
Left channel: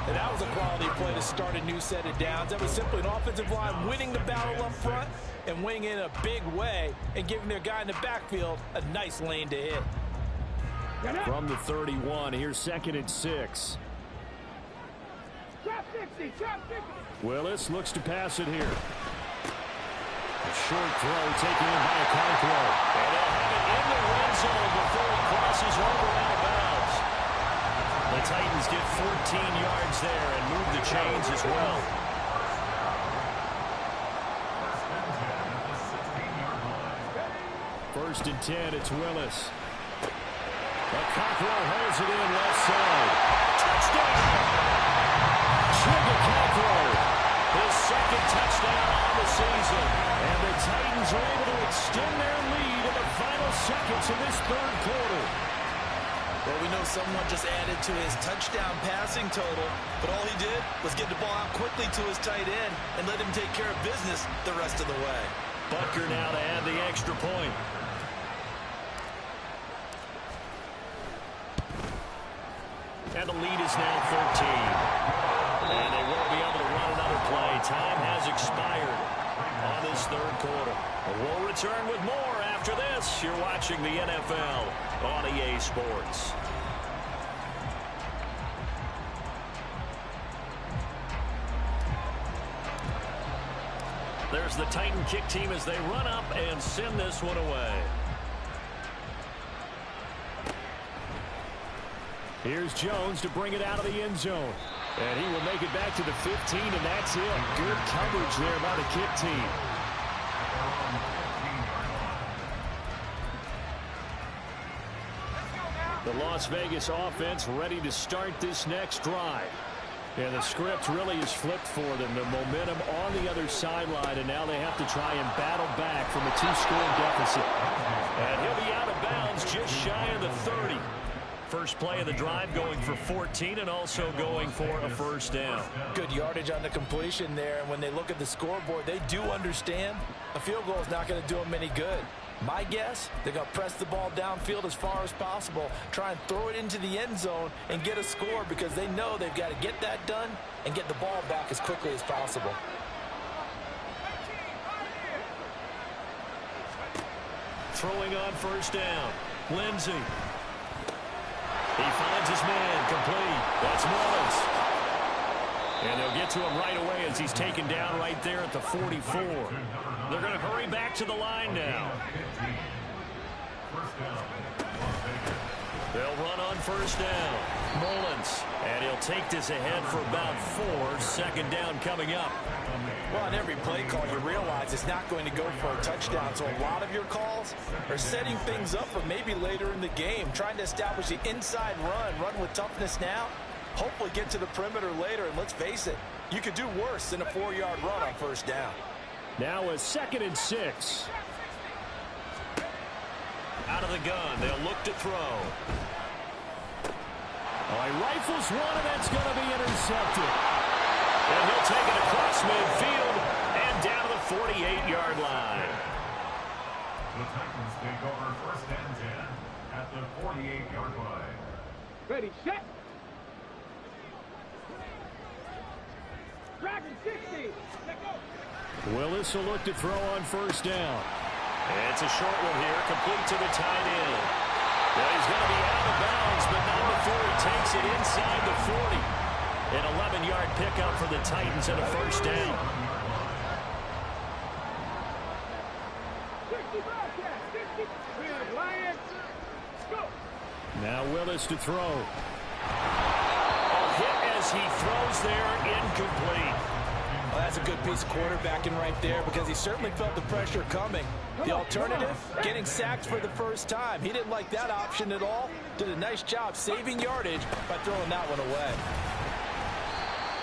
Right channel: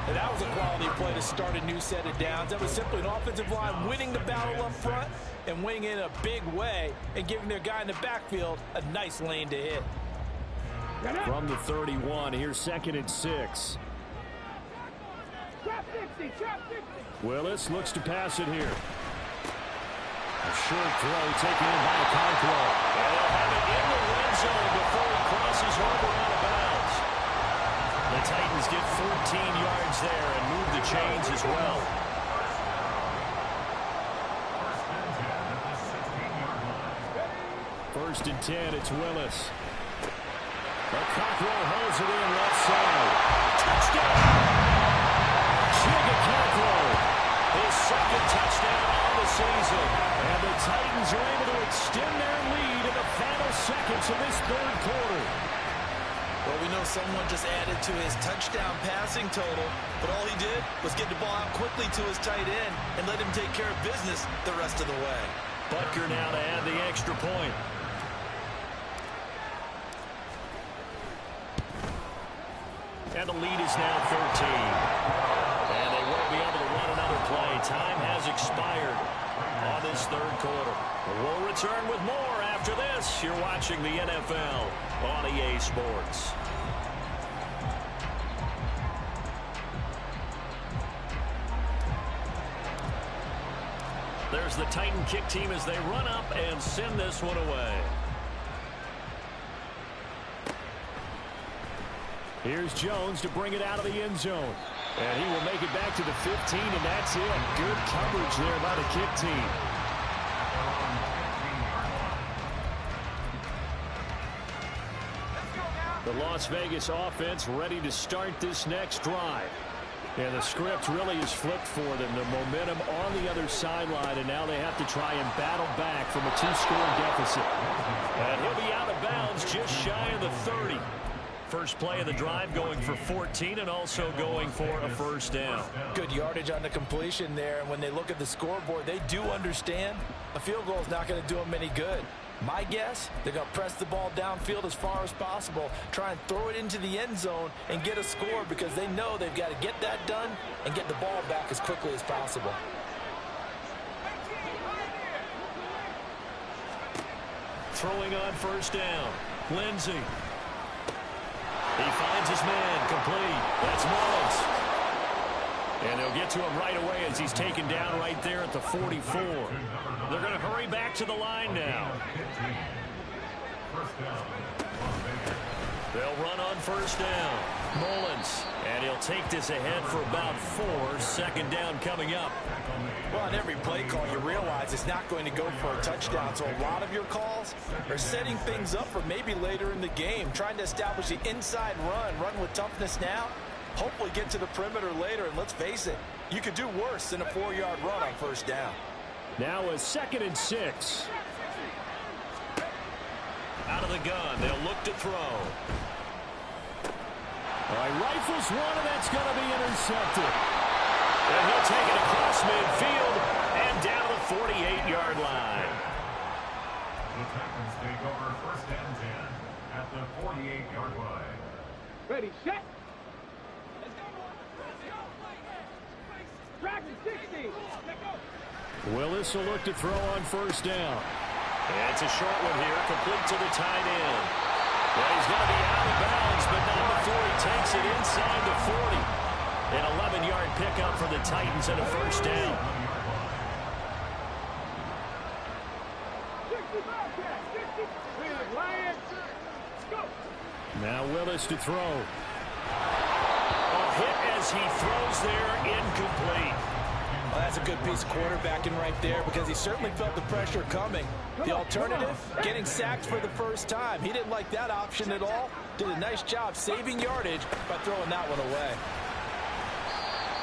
And that was a quality play to start a new set of downs. That was simply an offensive line winning the battle up front and winning in a big way and giving their guy in the backfield a nice lane to hit. From the 31, here's 2nd and 6. Trap 60. Willis looks to pass it here. A short throw taken in by Okonkwo. And they'll have it in the red zone before he crosses over out of bounds. The Titans get 14 yards there and move the chains as well. First and 10, it's Willis. Okonkwo holds it in left side. Touchdown! Okonkwo. His 2nd touchdown on the season. And the Titans are able to extend their lead in the final seconds of this 3rd quarter. Well, we know someone just added to his touchdown passing total, but all he did was get the ball out quickly to his tight end and let him take care of business the rest of the way. Butker now to add the extra point. And the lead is now 13. And they won't be able to run another play. Time has expired on this 3rd quarter. We'll return with more after this. You're watching the NFL on EA Sports. There's the Titan kick team as they run up and send this one away. Here's Jones to bring it out of the end zone. And he will make it back to the 15, and that's it. Good coverage there by the kick team. The Las Vegas offense ready to start this next drive. Yeah, the script really is flipped for them. The momentum on the other sideline, and now they have to try and battle back from a 2-score deficit. And he'll be out of bounds just shy of the 30. First play of the drive going for 14 and also going for a first down. Good yardage on the completion there, and when they look at the scoreboard, they do understand a field goal is not going to do them any good. My guess, they're going to press the ball downfield as far as possible, try and throw it into the end zone and get a score because they know they've got to get that done and get the ball back as quickly as possible. Throwing on first down. Lindsey. He finds his man complete. That's Mullins. And they'll get to him right away as he's taken down right there at the 44. They're going to hurry back to the line now. They'll run on first down. Mullins. And he'll take this ahead for about 4. Second down coming up. Well, on every play call, you realize it's not going to go for a touchdown. So a lot of your calls are setting things up for maybe later in the game, trying to establish the inside run with toughness now, hopefully get to the perimeter later. And let's face it, you could do worse than a 4-yard run on first down. Now a 2nd and 6. Out of the gun, they'll look to throw. All right, rifles one, and that's going to be intercepted. And he'll take it across midfield and down to the 48-yard line. The Titans take over first and 10 at the 48-yard line. Ready, set. Dragon 60. Let go. Willis will look to throw on first down. It's a short one here, complete to the tight end. Yeah, he's going to be out of bounds, but not before he takes it inside the 40. An 11-yard pickup for the Titans and a first down. 60 Bobcat. 60. Lions. Go. Now Willis to throw. A hit as he throws there, incomplete. Well, that's a good piece of quarterbacking right there because he certainly felt the pressure coming. The alternative, getting sacked for the first time. He didn't like that option at all. Did a nice job saving yardage by throwing that one away.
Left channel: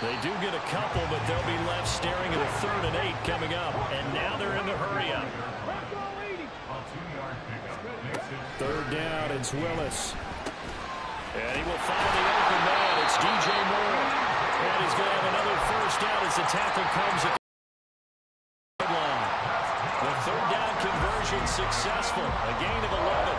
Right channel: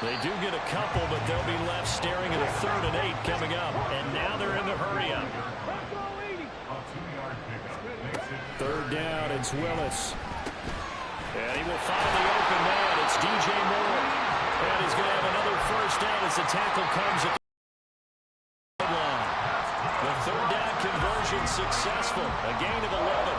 They do get a couple, but they'll be left staring at a 3rd and 8 coming up. And now they're in the hurry-up. 3rd down, it's Willis. And he will find the open man. It's DJ Moore. And he's going to have another first down as the tackle comes at the line. The 3rd down conversion successful. A gain of 11.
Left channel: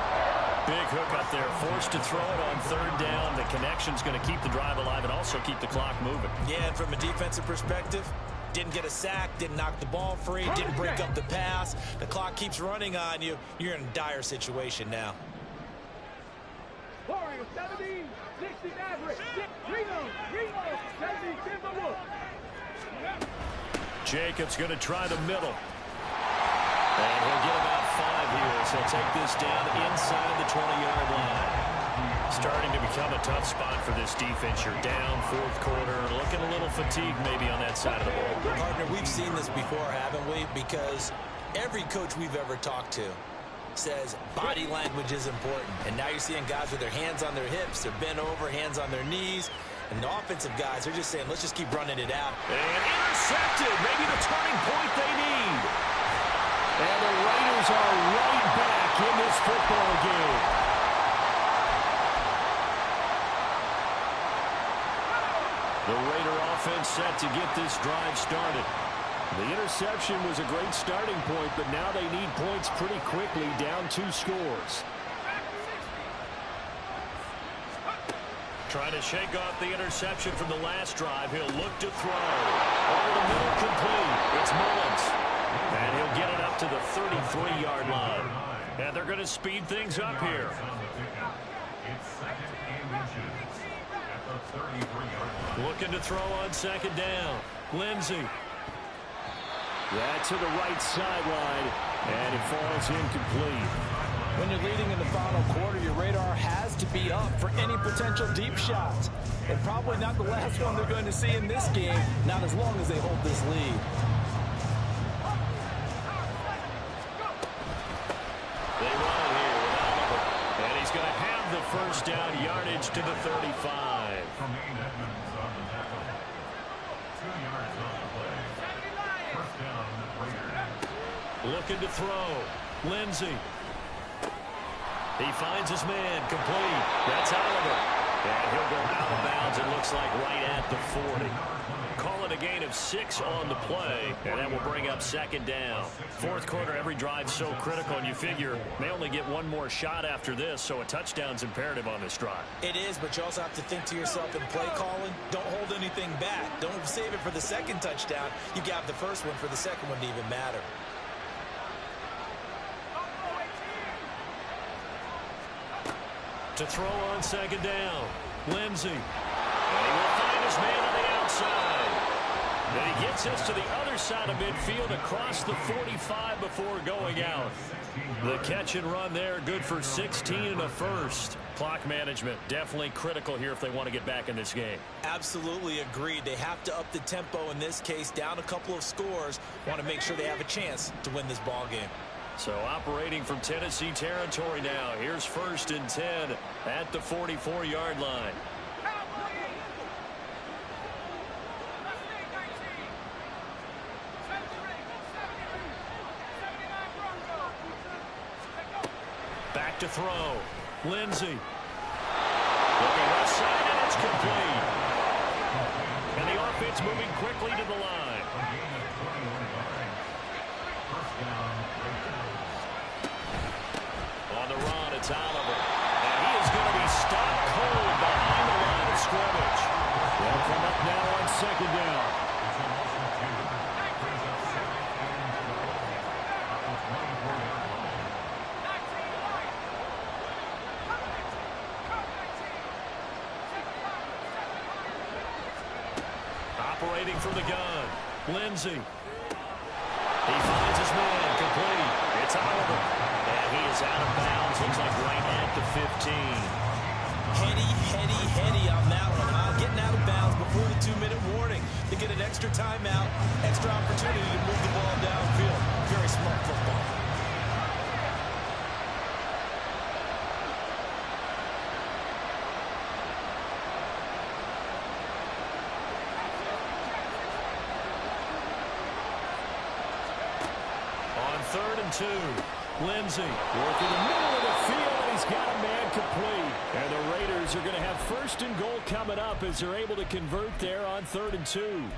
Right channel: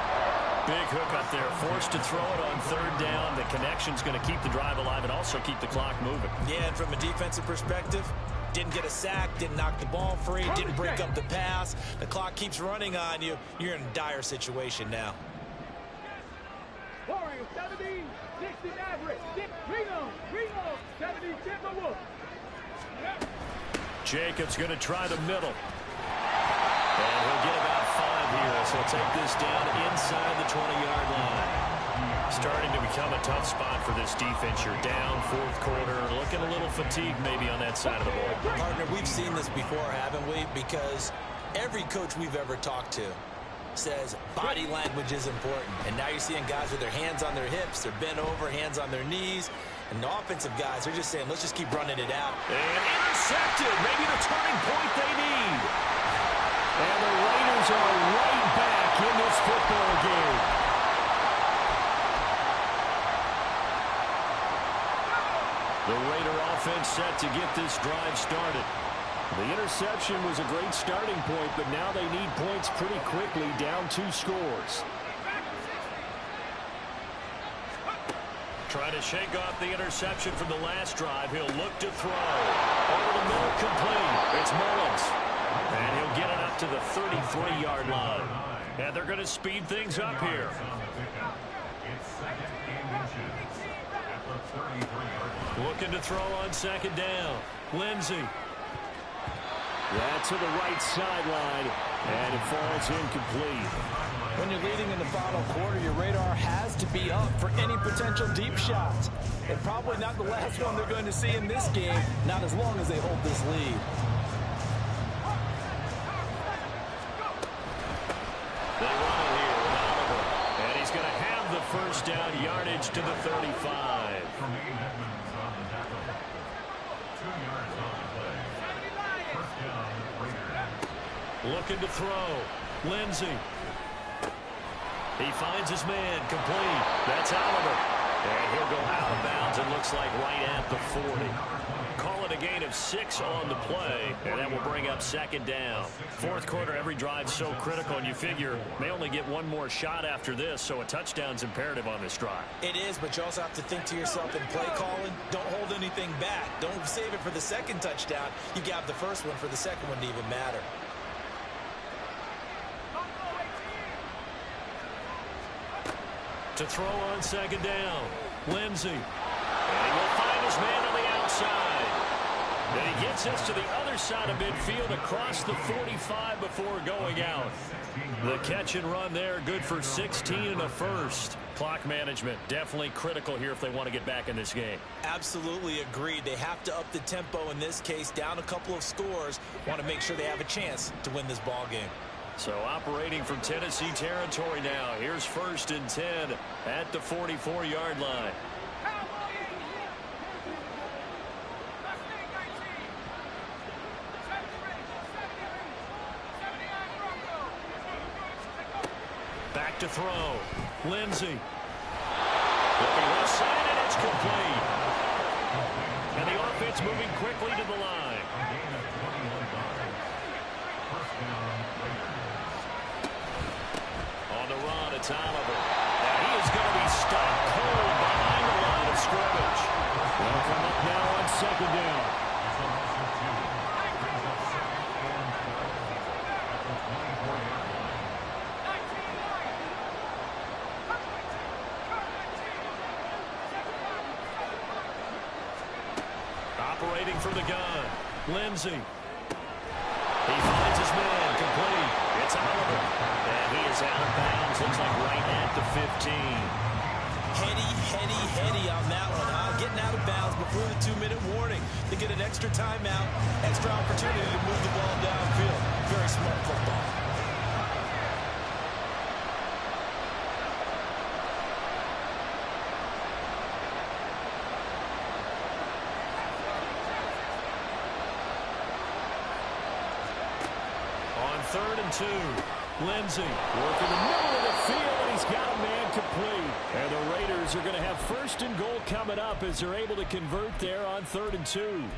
Big hook up there. Forced to throw it on 3rd down. The connection's going to keep the drive alive and also keep the clock moving. Yeah, and from a defensive perspective, didn't get a sack, didn't knock the ball free, didn't break up the pass. The clock keeps running on you. You're in a dire situation now. Warriors 70. 60 Maverick. Reno. 70 Timberwolves. Jacobs going to try the middle. And he'll get about 5 here, so he'll take this down inside the 20-yard line. Starting to become a tough spot for this defense. You're down 4th quarter, looking a little fatigued maybe on that side of the ball. Partner, we've seen this before, haven't we? Because every coach we've ever talked to says body language is important. And now you're seeing guys with their hands on their hips, they're bent over, hands on their knees. And the offensive guys are just saying, let's just keep running it out. And intercepted, maybe the turning point they need. And the Raiders are right back in this football game. The Raider offense set to get this drive started. The interception was a great starting point, but now they need points pretty quickly, down 2 scores. Trying to shake off the interception from the last drive. He'll look to throw. Over the middle, complete. It's Mullins. And he'll get it up to the 33-yard line. And they're going to speed things up here. It's 2nd and inches at the 33-yard line. Looking to throw on 2nd down. Lindsey. That to the right sideline, and it falls incomplete. When you're leading in the final quarter, your radar has to be up for any potential deep shots. And probably not the last one they're going to see in this game, not as long as they hold this lead. They run it here with Oliver. And he's going to have the first down yardage to the 35. Tremaine Edmonds on the tackle. on the play. First down, Raiders. Looking to throw. Lindsey. He finds his man, complete. That's Oliver. And he'll go out of bounds, it looks like right at the 40. Call it a gain of 6 on the play, and that will bring up second down. Fourth quarter, every drive so critical, and you figure they only get one more shot after this, so a touchdown's imperative on this drive. It is, but you also have to think to yourself in play calling, don't hold anything back. Don't save it for the second touchdown. You got the first one for the second one to even matter. To throw on second down, Lindsey. And he will find his man on the outside. Then he gets us to the other side of midfield across the 45 before going out. The catch and run there, good for 16 and a first. Clock management, definitely critical here if they want to get back in this game. Absolutely agreed. They have to up the tempo in this case, down a couple of scores. Want to make sure they have a chance to win this ball game. So operating from Tennessee territory now. Here's first and 10 at the 44-yard line. Back to throw. Lindsey. Looking left side, and it's complete. And the offense moving quickly to the line. A gain of 21 yards. First down, Raiders. On the run, it's Oliver. And he is going to be stopped cold behind the line of scrimmage. They'll come up now on second down. It's a loss of 2. Brings up second and 12 at the 24-yard line. Operating from the gun, Lindsey. He finds his man, complete. It's Oliver. And he is out of bounds, looks like right at the 15. Heady on that one, huh? Getting out of bounds before the 2-minute warning. They get an extra timeout, extra opportunity to move the ball downfield. Very smart football. On third and 2, Lindsey working the middle of the field, and he's got a man complete. And the Raiders are going to have first and goal coming up as they're able to convert there on third and 2.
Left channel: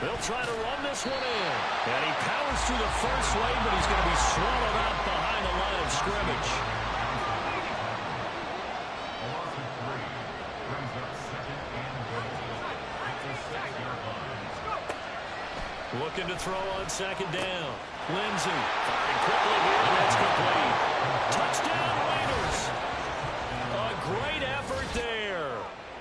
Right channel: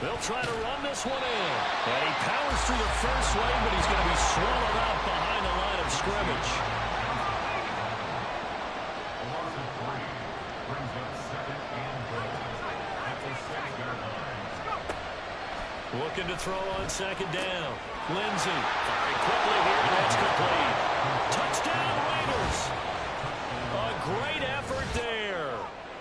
They'll try to run this one in. And he powers through the first lane, but he's going to be swallowed up behind the line of scrimmage. A loss of 3 brings up second and goal at the 6-yard line. Looking to throw on second down. Lindsey firing quickly here, and that's complete. Touchdown, Raiders. A great effort there.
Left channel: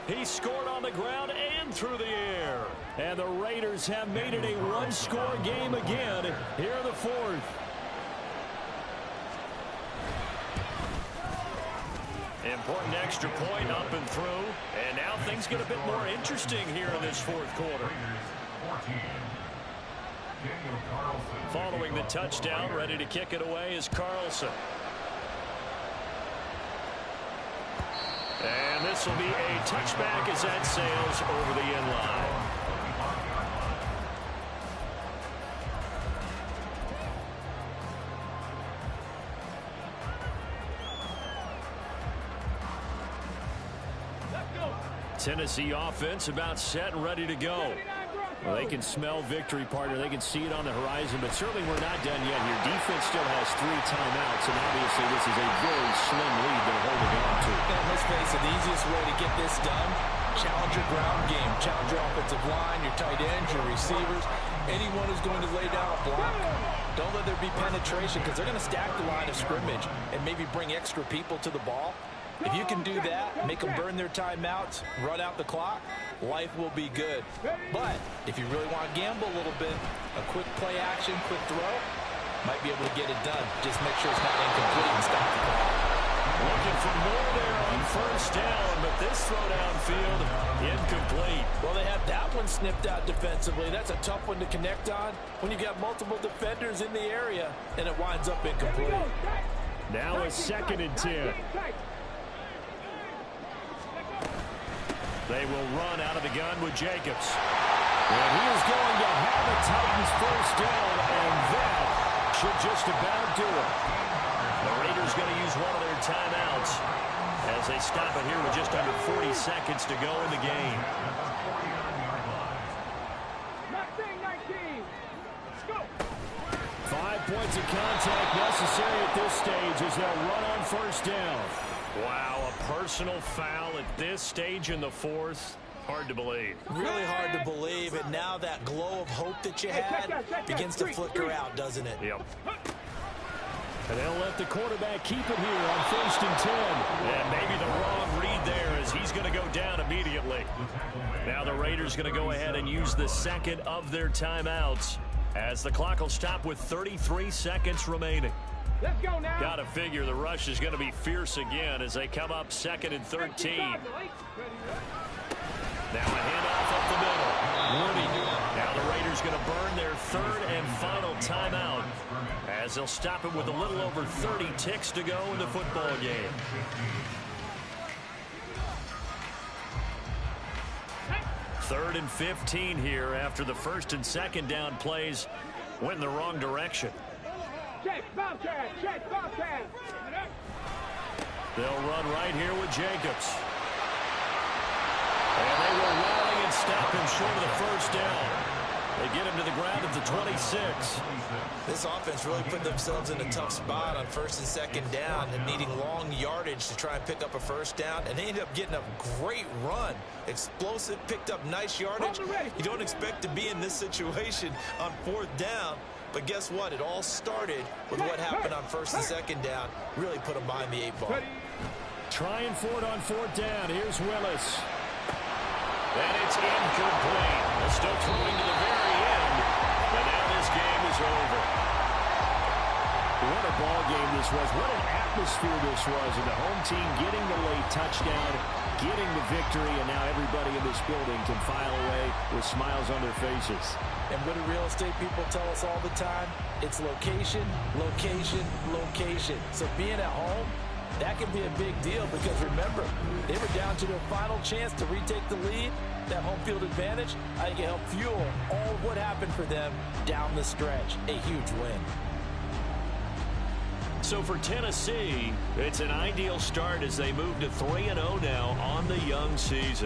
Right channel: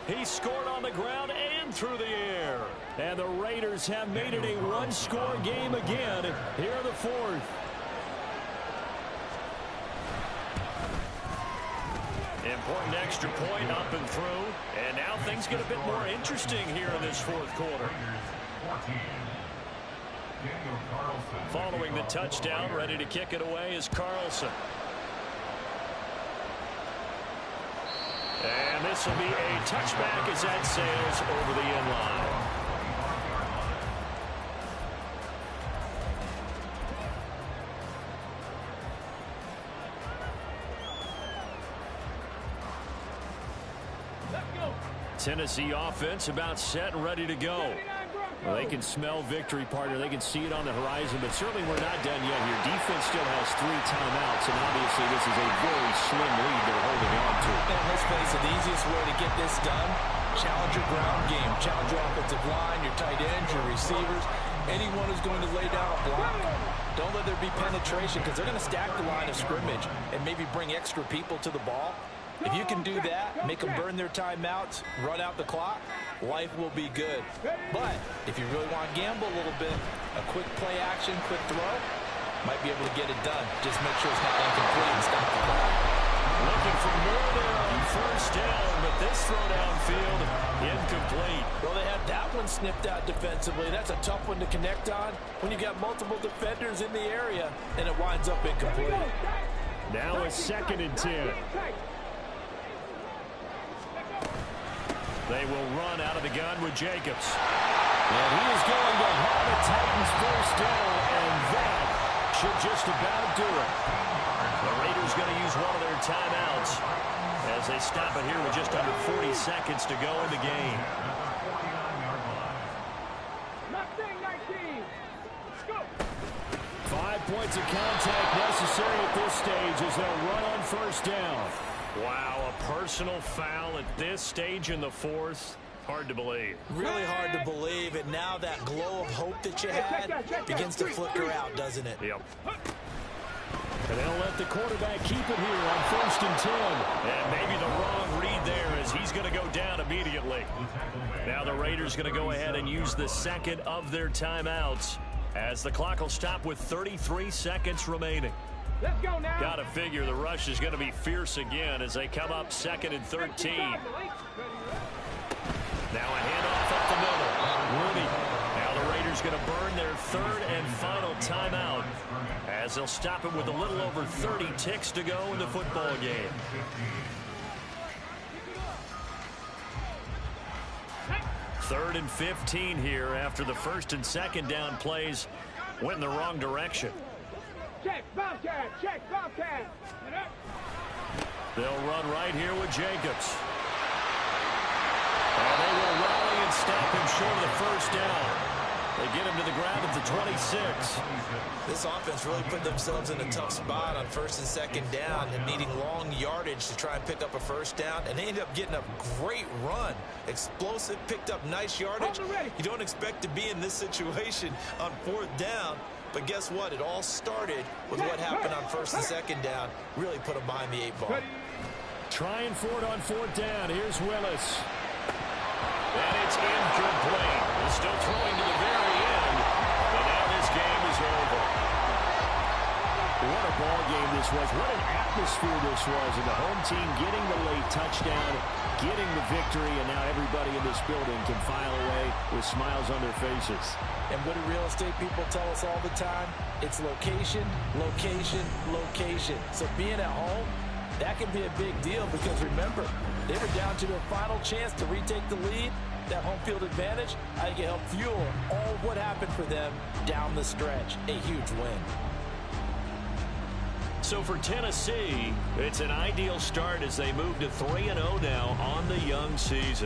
He scored on the ground and through the air. And the Raiders have made it a one-score game again here in the fourth. Important extra point up and through. And now things get a bit more interesting here in this fourth quarter. Following the touchdown, ready to kick it away is Carlson. And this will be a touchback as that sails over the end line. Tennessee offense about set and ready to go. Well, they can smell victory, partner. They can see it on the horizon, but certainly we're not done yet here. Defense still has 3 timeouts, and obviously this is a very slim lead they're holding on to. And let's face it, the easiest way to get this done, challenge your ground game. Challenge your offensive line, your tight ends, your receivers, anyone who's going to lay down a block. Don't let there be penetration because they're going to stack the line of scrimmage and maybe bring extra people to the ball. If you can do that, make them burn their timeouts, run out the clock, life will be good. But if you really want to gamble a little bit, a quick play action, quick throw, might be able to get it done. Just make sure it's not incomplete and stop the clock. Looking for more there on first down, but this throw downfield incomplete. Well, they had that one snipped out defensively. That's a tough one to connect on when you got multiple defenders in the area, and it winds up incomplete. Now a 2nd and 10. They will run out of the gun with Jacobs. And he is going to have a Titans first down, and that should just about do it. The Raiders going to use one of their timeouts as they stop it here with just under 40 seconds to go in the game. 5 points of contact necessary at this stage as they'll run on first down. Wow, a personal foul at this stage in the fourth. Hard to believe. Really hard to believe, and now that glow of hope that you had begins to flicker out, doesn't it? Yep. And they'll let the quarterback keep it here on 1st and 10. And maybe the wrong read there as he's going to go down immediately. Now the Raiders going to go ahead and use the second of their timeouts as the clock will stop with 33 seconds remaining. Let's go now. Got to figure the rush is going to be fierce again as they come up 2nd and 13. Now a handoff up the middle. Woody. Now the Raiders going to burn their 3rd and final timeout as they'll stop it with a little over 30 ticks to go in the football game. Third and 15 here after the 1st and 2nd down plays went in the wrong direction. Check, Bobcat, check, Bobcat. They'll run right here with Jacobs. And they will rally and stop him short of the first down. They get him to the ground at the 26. This offense really put themselves in a tough spot on 1st and 2nd down and needing long yardage to try and pick up a first down. And they ended up getting a great run. Explosive, picked up nice yardage. You don't expect to be in this situation on 4th down. But guess what? It all started with what happened on 1st and 2nd down. Really put them behind the 8 ball. Trying for it on 4th down. Here's Willis. And it's incomplete. They're still throwing to the very end, but now this game is over. What a ball game this was. What an atmosphere this was. And the home team getting the late touchdown, getting the victory, and now everybody in this building can file away with smiles on their faces. And what do real estate people tell us all the time? It's location, location, location. So being at home, that can be a big deal because remember, they were down to their final chance to retake the lead. That home field advantage, I think it helped fuel all of what happened for them down the stretch. A huge win. So for Tennessee, it's an ideal start as they move to 3-0 now on the young season.